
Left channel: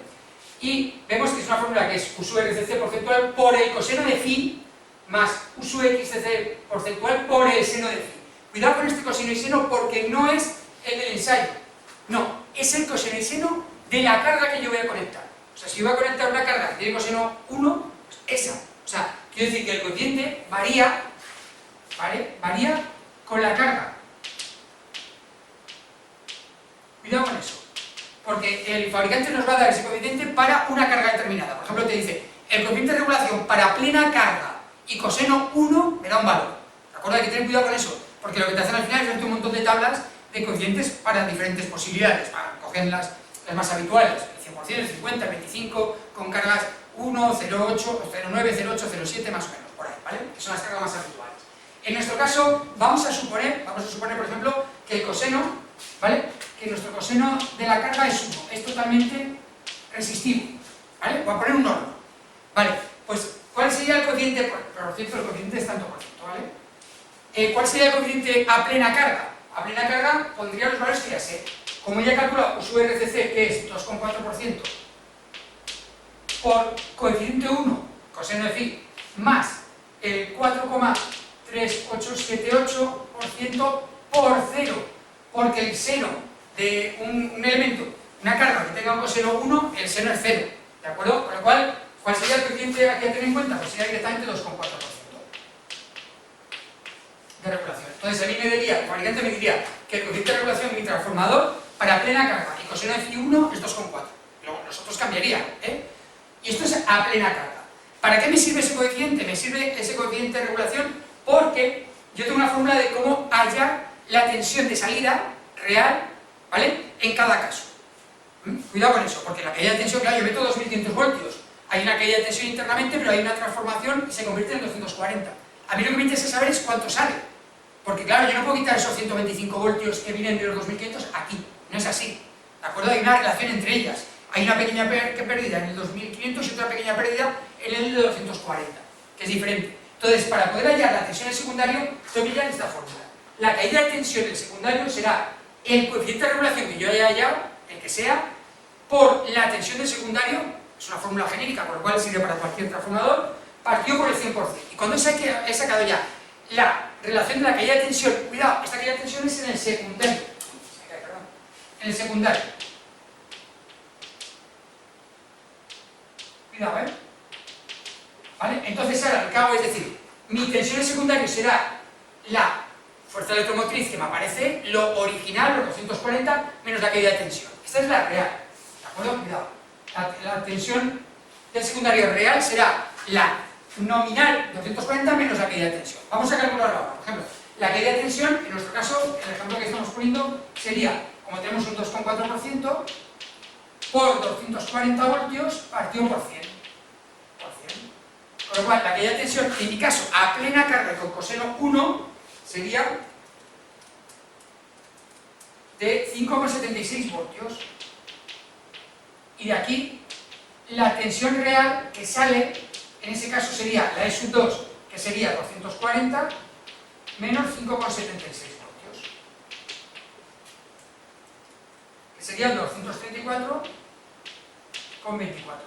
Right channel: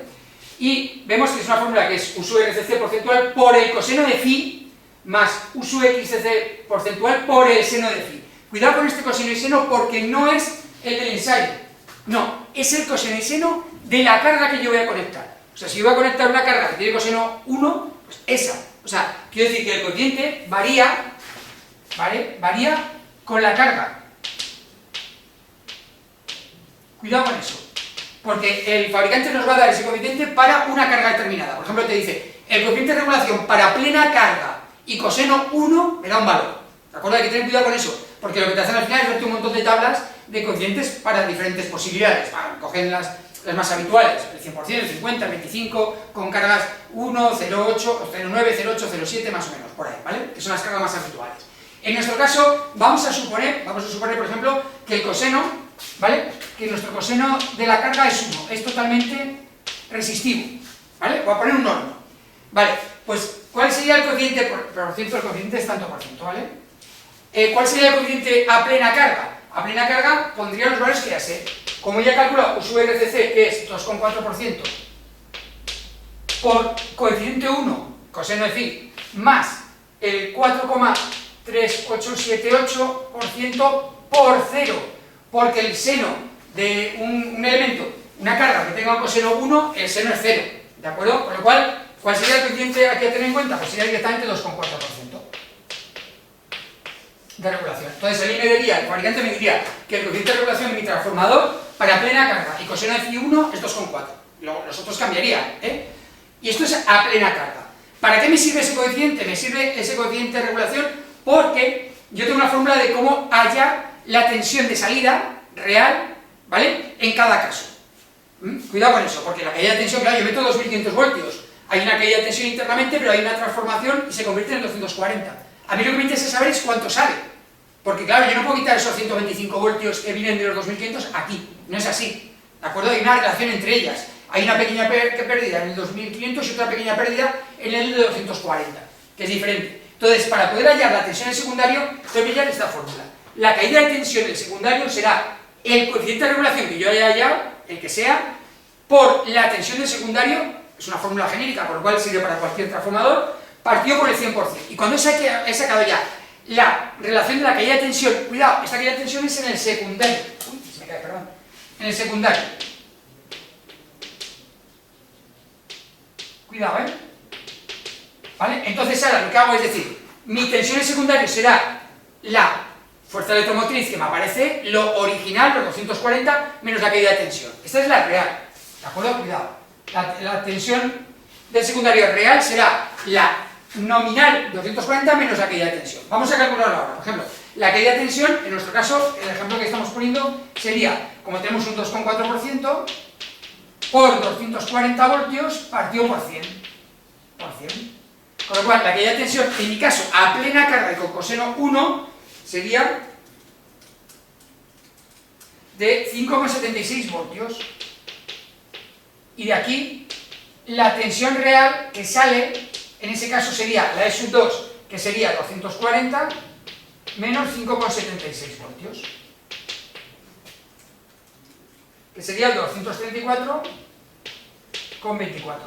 Y vemos que es una fórmula que es U sub RCC porcentual por el coseno de phi más U sub XCC porcentual por el seno de phi. Cuidado con este coseno y seno porque no es el del ensayo, no, es el coseno y seno de la carga que yo voy a conectar. O sea, si yo voy a conectar una carga que tiene coseno 1, pues esa. O sea, quiero decir que el coeficiente varía, ¿vale? Varía con la carga. Cuidado con eso, porque el fabricante nos va a dar ese coeficiente para una carga determinada. Por ejemplo, te dice, el coeficiente de regulación para plena carga y coseno 1 me da un valor. ¿De acuerdo? Hay que tener cuidado con eso, porque lo que te hacen al final es darte un montón de tablas de coeficientes para diferentes posibilidades. Cogen las más habituales, el 100%, el 50, el 25, con cargas 1, 0,8, 0,9, 0,8, 0,7, más o menos, por ahí, ¿vale? Que son las cargas más habituales. En nuestro caso, vamos a suponer, por ejemplo, que el coseno, ¿vale? Que nuestro coseno de la carga es 1, es totalmente resistivo, ¿vale? Voy a poner un norma, ¿vale? Pues, ¿cuál sería el coeficiente? Por cierto, el coeficiente es tanto por ciento, ¿vale? ¿Cuál sería el coeficiente a plena carga? A plena carga pondría los valores que ya sé. Como ya he calculado U sub RCC, que es 2,4%, por coeficiente 1, coseno de phi, más el 4,3878% por 0, porque el seno de un elemento, una carga que tenga un coseno 1, el seno es 0, ¿de acuerdo? Con lo cual, ¿cuál sería el coeficiente aquí a tener en cuenta? Pues sería directamente 2,4%. de regulación. Entonces a mí el fabricante me diría que el coeficiente de regulación de mi transformador para plena carga y coseno de phi1 es 2,4. Los otros cambiarían, ¿eh? Y esto es a plena carga. ¿Para qué me sirve ese coeficiente? Me sirve ese coeficiente de regulación porque yo tengo una fórmula de cómo hallar la tensión de salida real, ¿vale?, en cada caso. Cuidado con eso, porque la caída de tensión, claro, yo meto 2500 voltios, hay una caída de tensión internamente, pero hay una transformación y se convierte en 240. A mí lo que me interesa saber es cuánto sale, porque claro, yo no puedo quitar esos 125 voltios que vienen de los 2500 aquí, no es así, ¿de acuerdo? Hay una relación entre ellas, hay una pequeña pérdida en el 2500 y otra pequeña pérdida en el de 240, que es diferente. Entonces, para poder hallar la tensión en el secundario, tengo que hallar esta fórmula. La caída de tensión del secundario será el coeficiente de regulación que yo haya hallado, el que sea, por la tensión del secundario, es una fórmula genérica, por lo cual sirve para cualquier transformador, partido por el 100%. Y cuando he sacado ya la relación de la caída de tensión, cuidado, esta caída de tensión es en el secundario. Uy, se me cae, perdón. En el secundario. Cuidado, ¿eh? ¿Vale? Entonces ahora lo que hago es decir, mi tensión en secundario será la fuerza electromotriz que me aparece, lo original, los 240, menos la caída de tensión. Esta es la real, ¿de acuerdo? Cuidado. La tensión del secundario real será la nominal 240 menos la caída de tensión. Vamos a calcularlo ahora. Por ejemplo, la caída de tensión, en nuestro caso, el ejemplo que estamos poniendo sería, como tenemos un 2,4%, por 240 voltios partido por 100. Con lo cual, la caída de tensión, en mi caso, a plena carga y con coseno 1, sería de 5,76 voltios. Y de aquí, la tensión real que sale, en ese caso sería la E sub 2, que sería 240, menos 5,76 voltios. Que sería 234,24 voltios.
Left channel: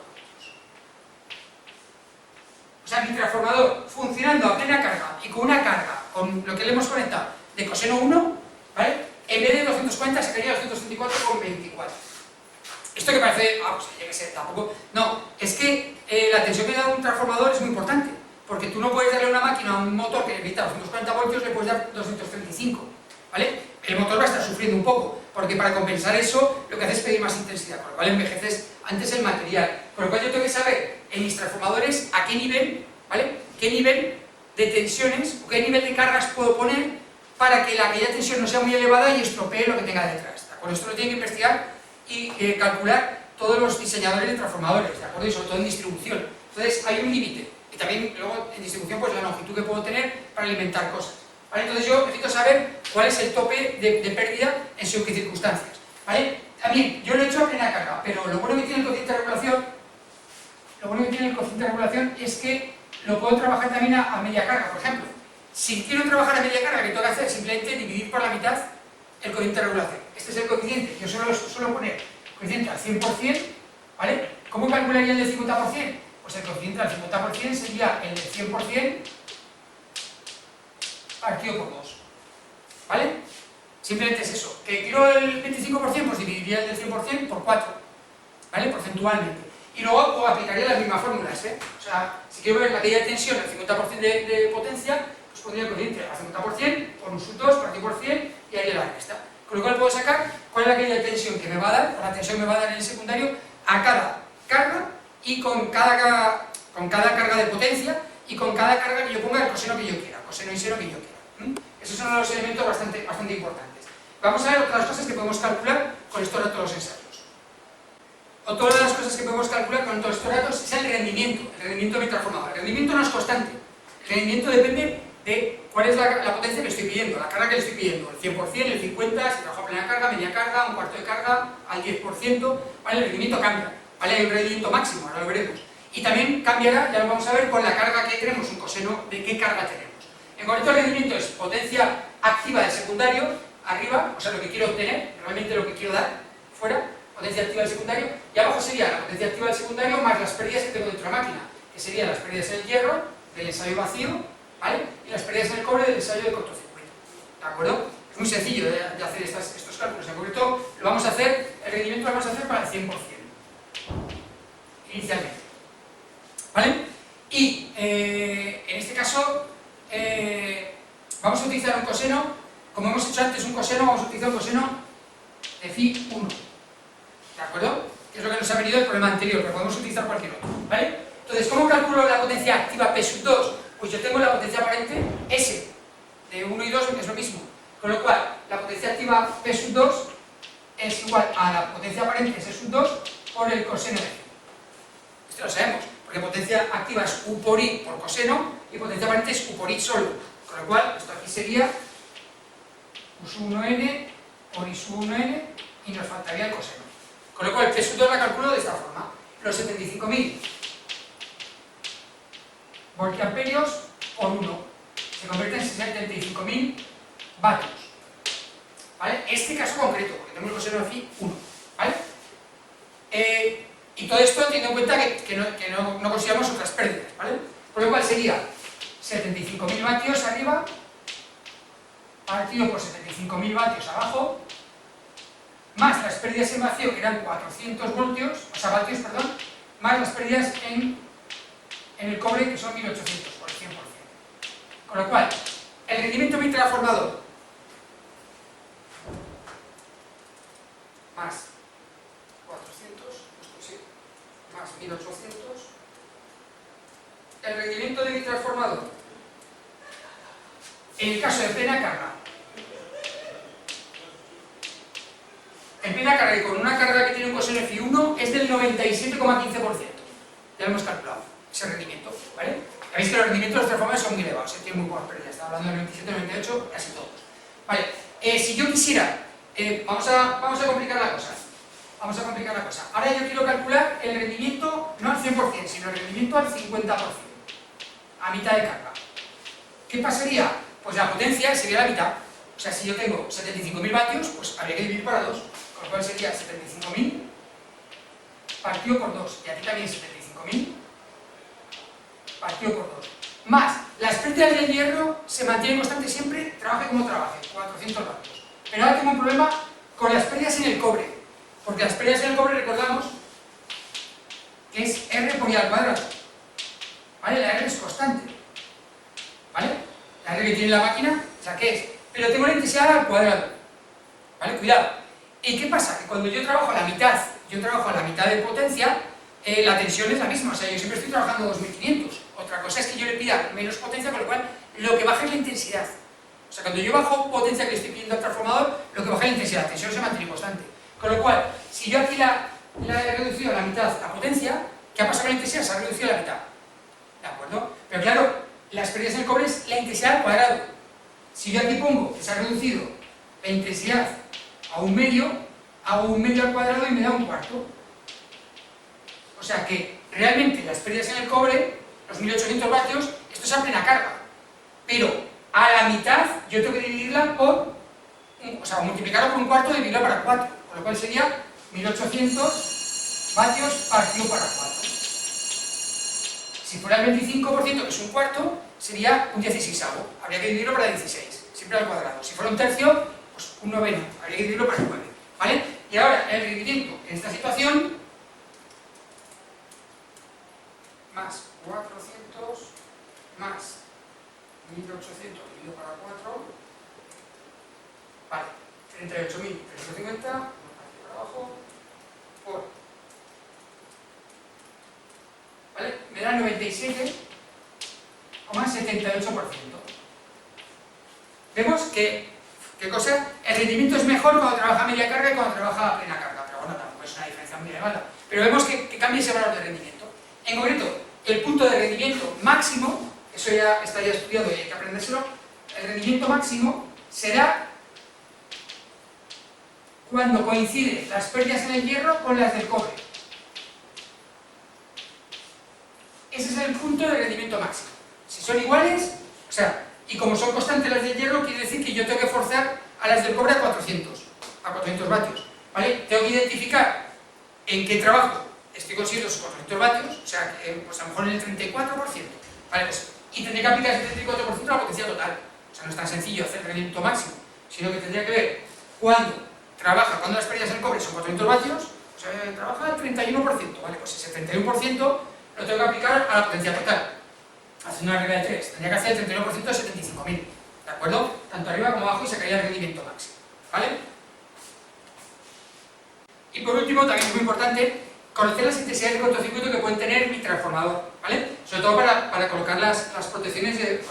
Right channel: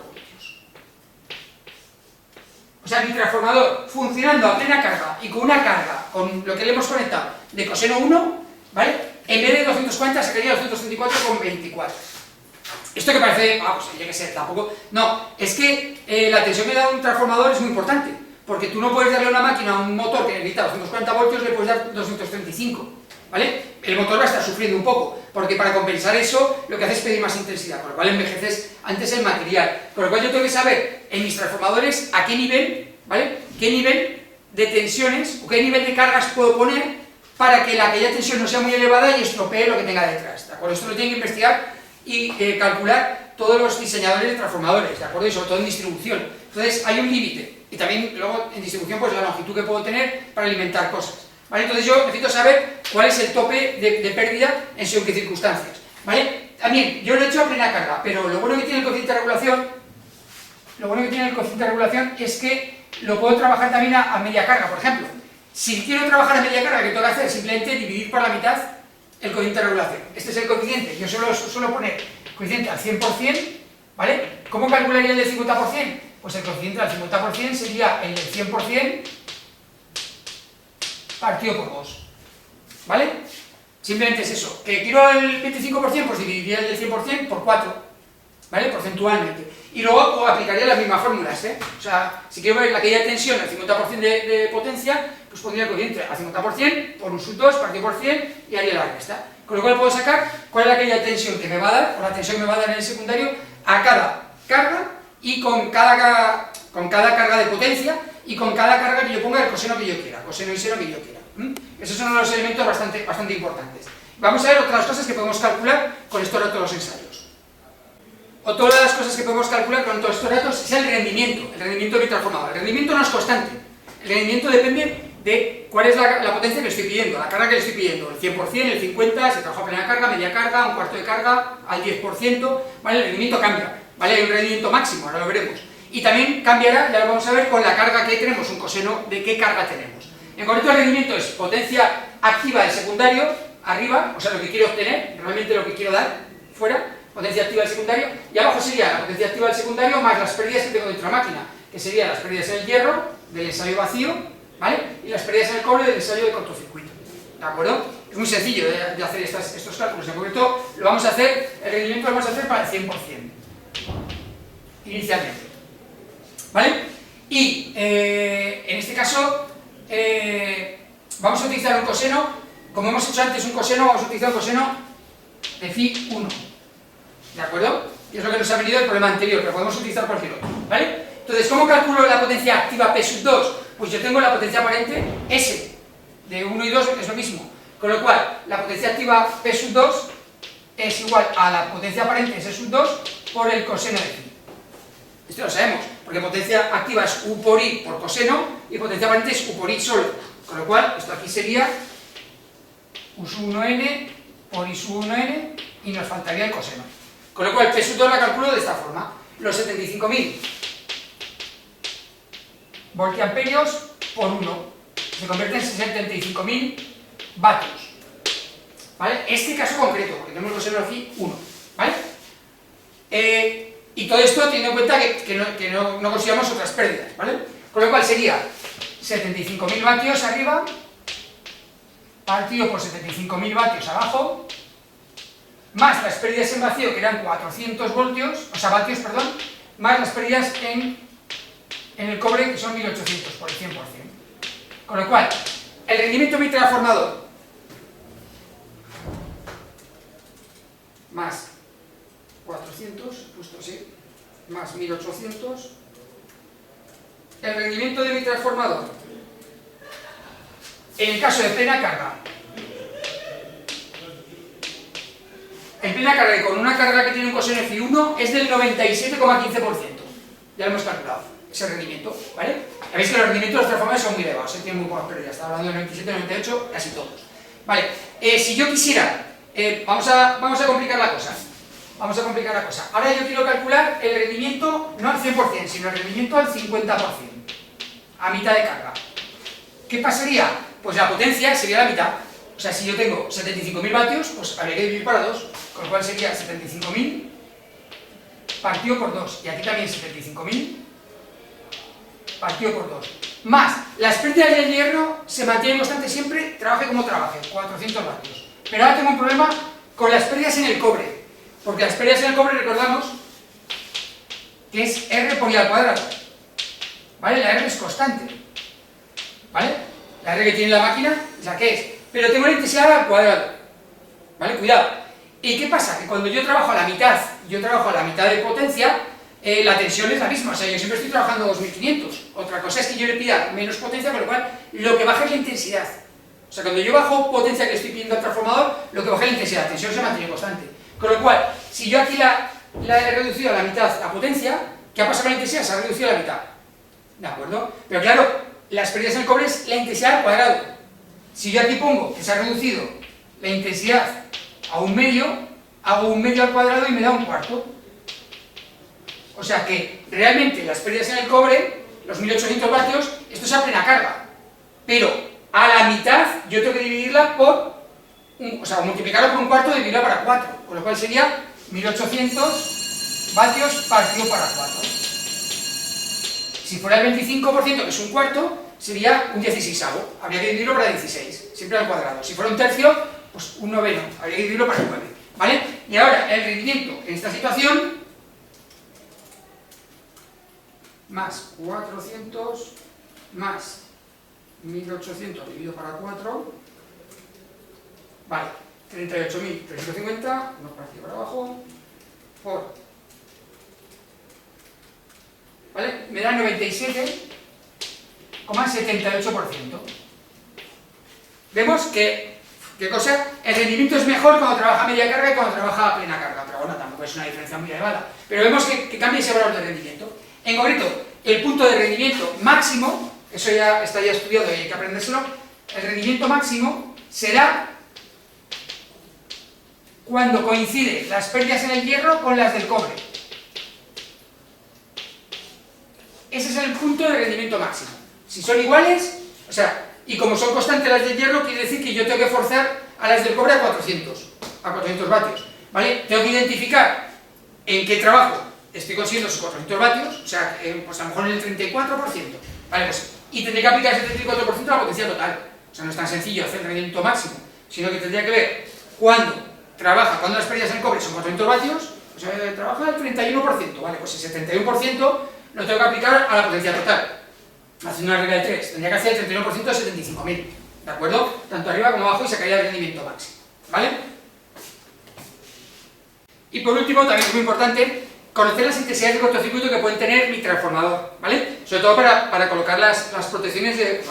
O sea, mi transformador funcionando a plena carga y con una carga, con lo que le hemos conectado, de coseno 1, ¿vale? En vez de 240 sacaría 234,24. Esto que parece, pues yo qué sé, tampoco... No, es que la tensión que da un transformador es muy importante, porque tú no puedes darle a una máquina, a un motor que necesita 240 voltios, le puedes dar 235, ¿vale? El motor va a estar sufriendo un poco, porque para compensar eso, lo que hace es pedir más intensidad, con lo cual envejeces antes el material. Con lo cual yo tengo que saber, en mis transformadores, a qué nivel, ¿vale?, qué nivel de tensiones, o qué nivel de cargas puedo poner para que la caída de tensión no sea muy elevada y estropee lo que tenga detrás, ¿de acuerdo? Esto lo tienen que investigar y calcular todos los diseñadores de transformadores, ¿de acuerdo? Y sobre todo en distribución. Entonces hay un límite, y también luego en distribución pues la longitud que puedo tener para alimentar cosas, ¿vale? Entonces yo necesito saber cuál es el tope de pérdida en según qué circunstancias, ¿vale? También, yo lo he hecho a plena carga, pero lo bueno que tiene el coeficiente de regulación, es que lo puedo trabajar también a media carga. Por ejemplo, si quiero trabajar a media carga, ¿qué tengo que hacer? Simplemente dividir por la mitad el coeficiente de regulación. Este es el coeficiente, yo suelo poner coeficiente al 100%, ¿vale? ¿Cómo calcularía el del 50%? Pues el coeficiente al 50% sería el del 100% partido por 2, ¿vale? Simplemente es eso. ¿Que quiero el 25%? Pues dividiría el del 100% por 4, ¿vale? Porcentualmente. Y luego aplicaría las mismas fórmulas, ¿eh? O sea, si quiero ver la caída de tensión al 50% de potencia, pues pondría el coeficiente al 50% por un sub 2 partido por 100 y haría la resta. Con lo cual puedo sacar cuál es la caída de tensión que me va a dar, o la tensión que me va a dar en el secundario, a cada carga y con cada carga de potencia y con cada carga que yo ponga el coseno que yo quiera, coseno y seno que yo quiera. Esos son los elementos bastante importantes. Vamos a ver otras cosas que podemos calcular con estos datos de los ensayos. Otra de las cosas que podemos calcular con todos estos datos es el rendimiento de mi transformador. El rendimiento no es constante, el rendimiento depende de cuál es la potencia que le estoy pidiendo, la carga que le estoy pidiendo, el 100%, el 50%, si trabajo a plena carga, media carga, un cuarto de carga, al 10%, ¿vale? El rendimiento cambia, ¿vale? Hay un rendimiento máximo, ahora lo veremos. Y también cambiará, ya lo vamos a ver, con la carga que tenemos, un coseno de qué carga tenemos. En concreto el rendimiento es potencia activa del secundario, arriba, o sea, lo que quiero obtener, realmente lo que quiero dar, fuera, potencia activa del secundario, y abajo sería la potencia activa del secundario más las pérdidas que tengo dentro de la máquina, que serían las pérdidas en el hierro, del ensayo vacío, ¿vale? Y las pérdidas en el cobre del ensayo de cortocircuito, ¿de acuerdo? Es muy sencillo de hacer estos cálculos, en concreto lo vamos a hacer, el rendimiento lo vamos a hacer para el 100%, inicialmente, ¿vale? Y en este caso, vamos a utilizar un coseno, como hemos hecho antes un coseno, vamos a utilizar un coseno de phi 1, ¿de acuerdo? Que es lo que nos ha venido el problema anterior, pero podemos utilizar cualquier otro, ¿vale? Entonces, ¿cómo calculo la potencia activa P sub 2? Pues yo tengo la potencia aparente S, de 1 y 2 es lo mismo, con lo cual la potencia activa P sub 2 es igual a la potencia aparente S sub 2 por el coseno de phi. Esto lo sabemos, porque potencia activa es U por I por coseno y potencia aparente es U por I solo, con lo cual esto aquí sería U sub 1n por I sub 1n y nos faltaría el coseno. Con lo cual P sub 2 la calculo de esta forma, los 75.000 voltiamperios por 1 se convierte en 65.000 vatios, ¿vale? Este caso concreto, porque tenemos el coseno de phi 1, ¿vale? Y todo esto teniendo en cuenta que no consideramos otras pérdidas, ¿vale? Con lo cual sería 75.000 vatios arriba partido por 75.000 vatios abajo, más las pérdidas en vacío, que eran 400 voltios, o sea, vatios, perdón, más las pérdidas en el cobre, que son 1800 por el 100%. Con lo cual, el rendimiento transformador más 400, justo así, más 1800, el rendimiento de mi transformador, en el caso de plena carga, en plena carga y con una carga que tiene un coseno de phi 1 es del 97,15%, ya lo hemos calculado, ese rendimiento, ¿vale? Ya veis que los rendimientos de los transformadores son muy elevados, tienen muy pocas pérdidas, está hablando del 97, 98, casi todos. Vale, si yo quisiera, vamos a complicar la cosa. Vamos a complicar la cosa. Ahora yo quiero calcular el rendimiento no al 100%, sino el rendimiento al 50%, a mitad de carga. ¿Qué pasaría? Pues la potencia sería la mitad. O sea, si yo tengo 75.000 vatios, pues habría que dividir para 2, con lo cual sería 75.000 partido por 2. Y aquí también 75.000 partido por 2. Más, las pérdidas del hierro se mantienen constantes siempre, trabaje como trabaje, 400 vatios. Pero ahora tengo un problema con las pérdidas en el cobre. Porque las pérdidas en el cobre, recordamos, que es R por I al cuadrado. ¿Vale? La R es constante. ¿Vale? La R que tiene la máquina es la que es. Pero tengo la intensidad al cuadrado. ¿Vale? Cuidado. ¿Y qué pasa? Que cuando yo trabajo a la mitad de potencia, la tensión es la misma. O sea, yo siempre estoy trabajando 2500. Otra cosa es que yo le pida menos potencia, con lo cual lo que baja es la intensidad. O sea, cuando yo bajo potencia que le estoy pidiendo al transformador, lo que baja es la intensidad. La tensión se mantiene constante. Con lo cual, si yo aquí la he reducido a la mitad la potencia, ¿qué ha pasado con la intensidad? Se ha reducido a la mitad. ¿De acuerdo? Pero claro, las pérdidas en el cobre es la intensidad al cuadrado. Si yo aquí pongo que se ha reducido la intensidad a un medio, hago un medio al cuadrado y me da un cuarto. O sea que realmente las pérdidas en el cobre, los 1800 vatios, esto es a plena carga. Pero a la mitad yo tengo que dividirla por... o sea, multiplicarlo por un cuarto y dividirla para 4, con lo cual sería 1800 vatios partido para 4. Si fuera el 25%, que es un cuarto, sería un 16avo, habría que dividirlo para 16, siempre al cuadrado. Si fuera un tercio, pues un noveno, habría que dividirlo para 9, ¿vale? Y ahora, el rendimiento en esta situación, más 400, más 1800 dividido para 4, vale, 38.350, vamos partido para abajo, por, ¿vale? Me da 97,78%. Vemos que, ¿qué cosa? El rendimiento es mejor cuando trabaja a media carga y cuando trabaja a plena carga, pero bueno, tampoco es una diferencia muy elevada. Pero vemos que cambia ese valor de rendimiento. En concreto, el punto de rendimiento máximo, eso ya está ya estudiado y hay que aprendérselo, el rendimiento máximo será cuando coinciden las pérdidas en el hierro con las del cobre. Ese es el punto de rendimiento máximo. Si son iguales, o sea, y como son constantes las del hierro, quiere decir que yo tengo que forzar a las del cobre a 400 vatios, ¿vale? Tengo que identificar en qué trabajo estoy consiguiendo esos 400 vatios, o sea, pues a lo mejor en el 34%, ¿vale? Pues, y tendré que aplicar ese 34% a la potencia total. O sea, no es tan sencillo hacer el rendimiento máximo, sino que tendría que ver cuando las pérdidas en el cobre son 400 vatios, pues trabaja el 31%, ¿vale? Pues ese 31% lo tengo que aplicar a la potencia total. Haciendo una regla de 3, tendría que hacer el 31% de 75.000, ¿de acuerdo? Tanto arriba como abajo y sacaría el rendimiento máximo, ¿vale? Y por último, también es muy importante, conocer las intensidades de cortocircuito que pueden tener mi transformador, ¿vale? Sobre todo para colocar las protecciones de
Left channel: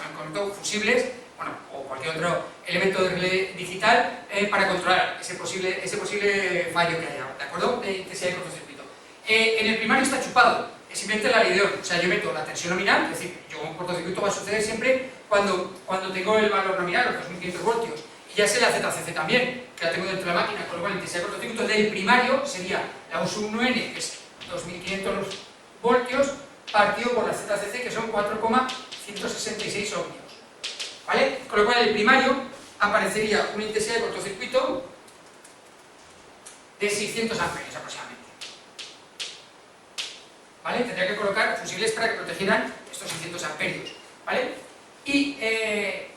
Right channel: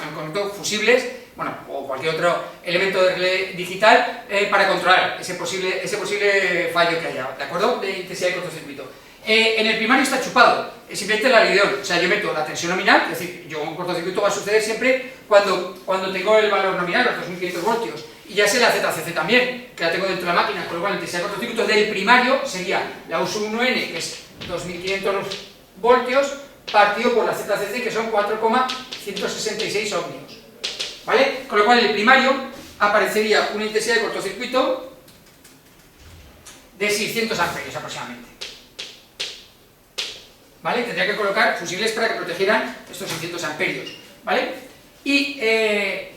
fusibles, bueno, o cualquier otro elemento de relé digital para controlar ese posible fallo que haya, ¿de acuerdo? De intensidad de cortocircuito. En el primario está chupado, es simplemente la lideón, o sea, yo meto la tensión nominal, es decir, un cortocircuito va a suceder siempre cuando tengo el valor nominal, los 2500 voltios, y ya sé la ZCC también, que la tengo dentro de la máquina, con lo cual la intensidad de cortocircuito del primario sería la U sub 1N, que es 2500 voltios, partido por la ZCC, que son 4,166 ohmios, ¿vale? Con lo cual en el primario aparecería una intensidad de cortocircuito de 600 amperios aproximadamente, ¿vale? Tendría que colocar fusibles para que protegieran estos 600 amperios, ¿vale? Y ¿qué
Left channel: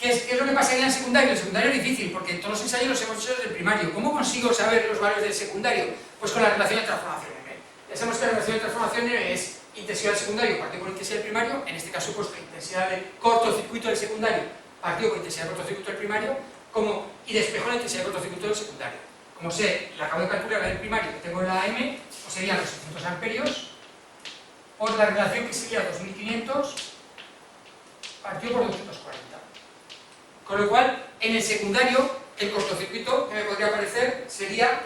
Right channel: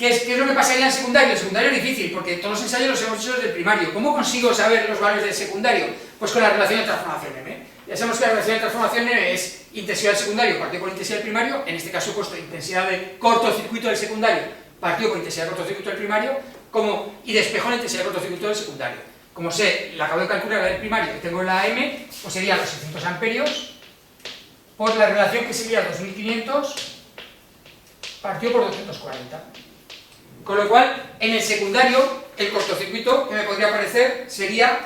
es lo que pasa en el secundario? El secundario es difícil, porque todos los ensayos los hemos hecho desde el primario. ¿Cómo consigo saber los valores del secundario? Pues con la relación de transformación M. Ya sabemos que la relación de transformación M es intensidad del secundario partido por intensidad del primario, en este caso he puesto intensidad de cortocircuito del secundario partido por intensidad de cortocircuito del primario, y despejo la intensidad de cortocircuito del secundario. Como sé, la acabo de calcular la del primario que tengo en la M, pues sería los 600 amperios por la relación que sería 2500 partido por 240. Con lo cual, en el secundario, el cortocircuito que me podría aparecer sería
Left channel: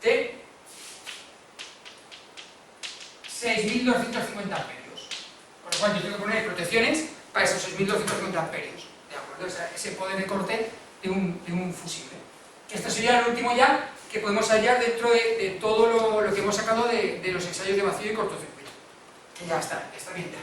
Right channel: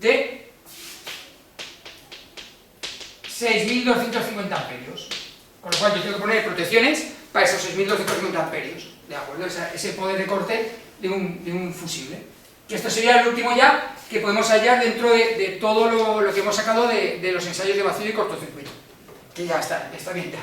de 6.250 amperios. Con lo cual yo tengo que poner protecciones para esos 6.250 amperios, ¿de acuerdo? Ese poder de corte de un fusible. Que esto sería el último ya que podemos hallar dentro de todo lo que hemos sacado de los ensayos de vacío y cortocircuito. Que ya está bien ya.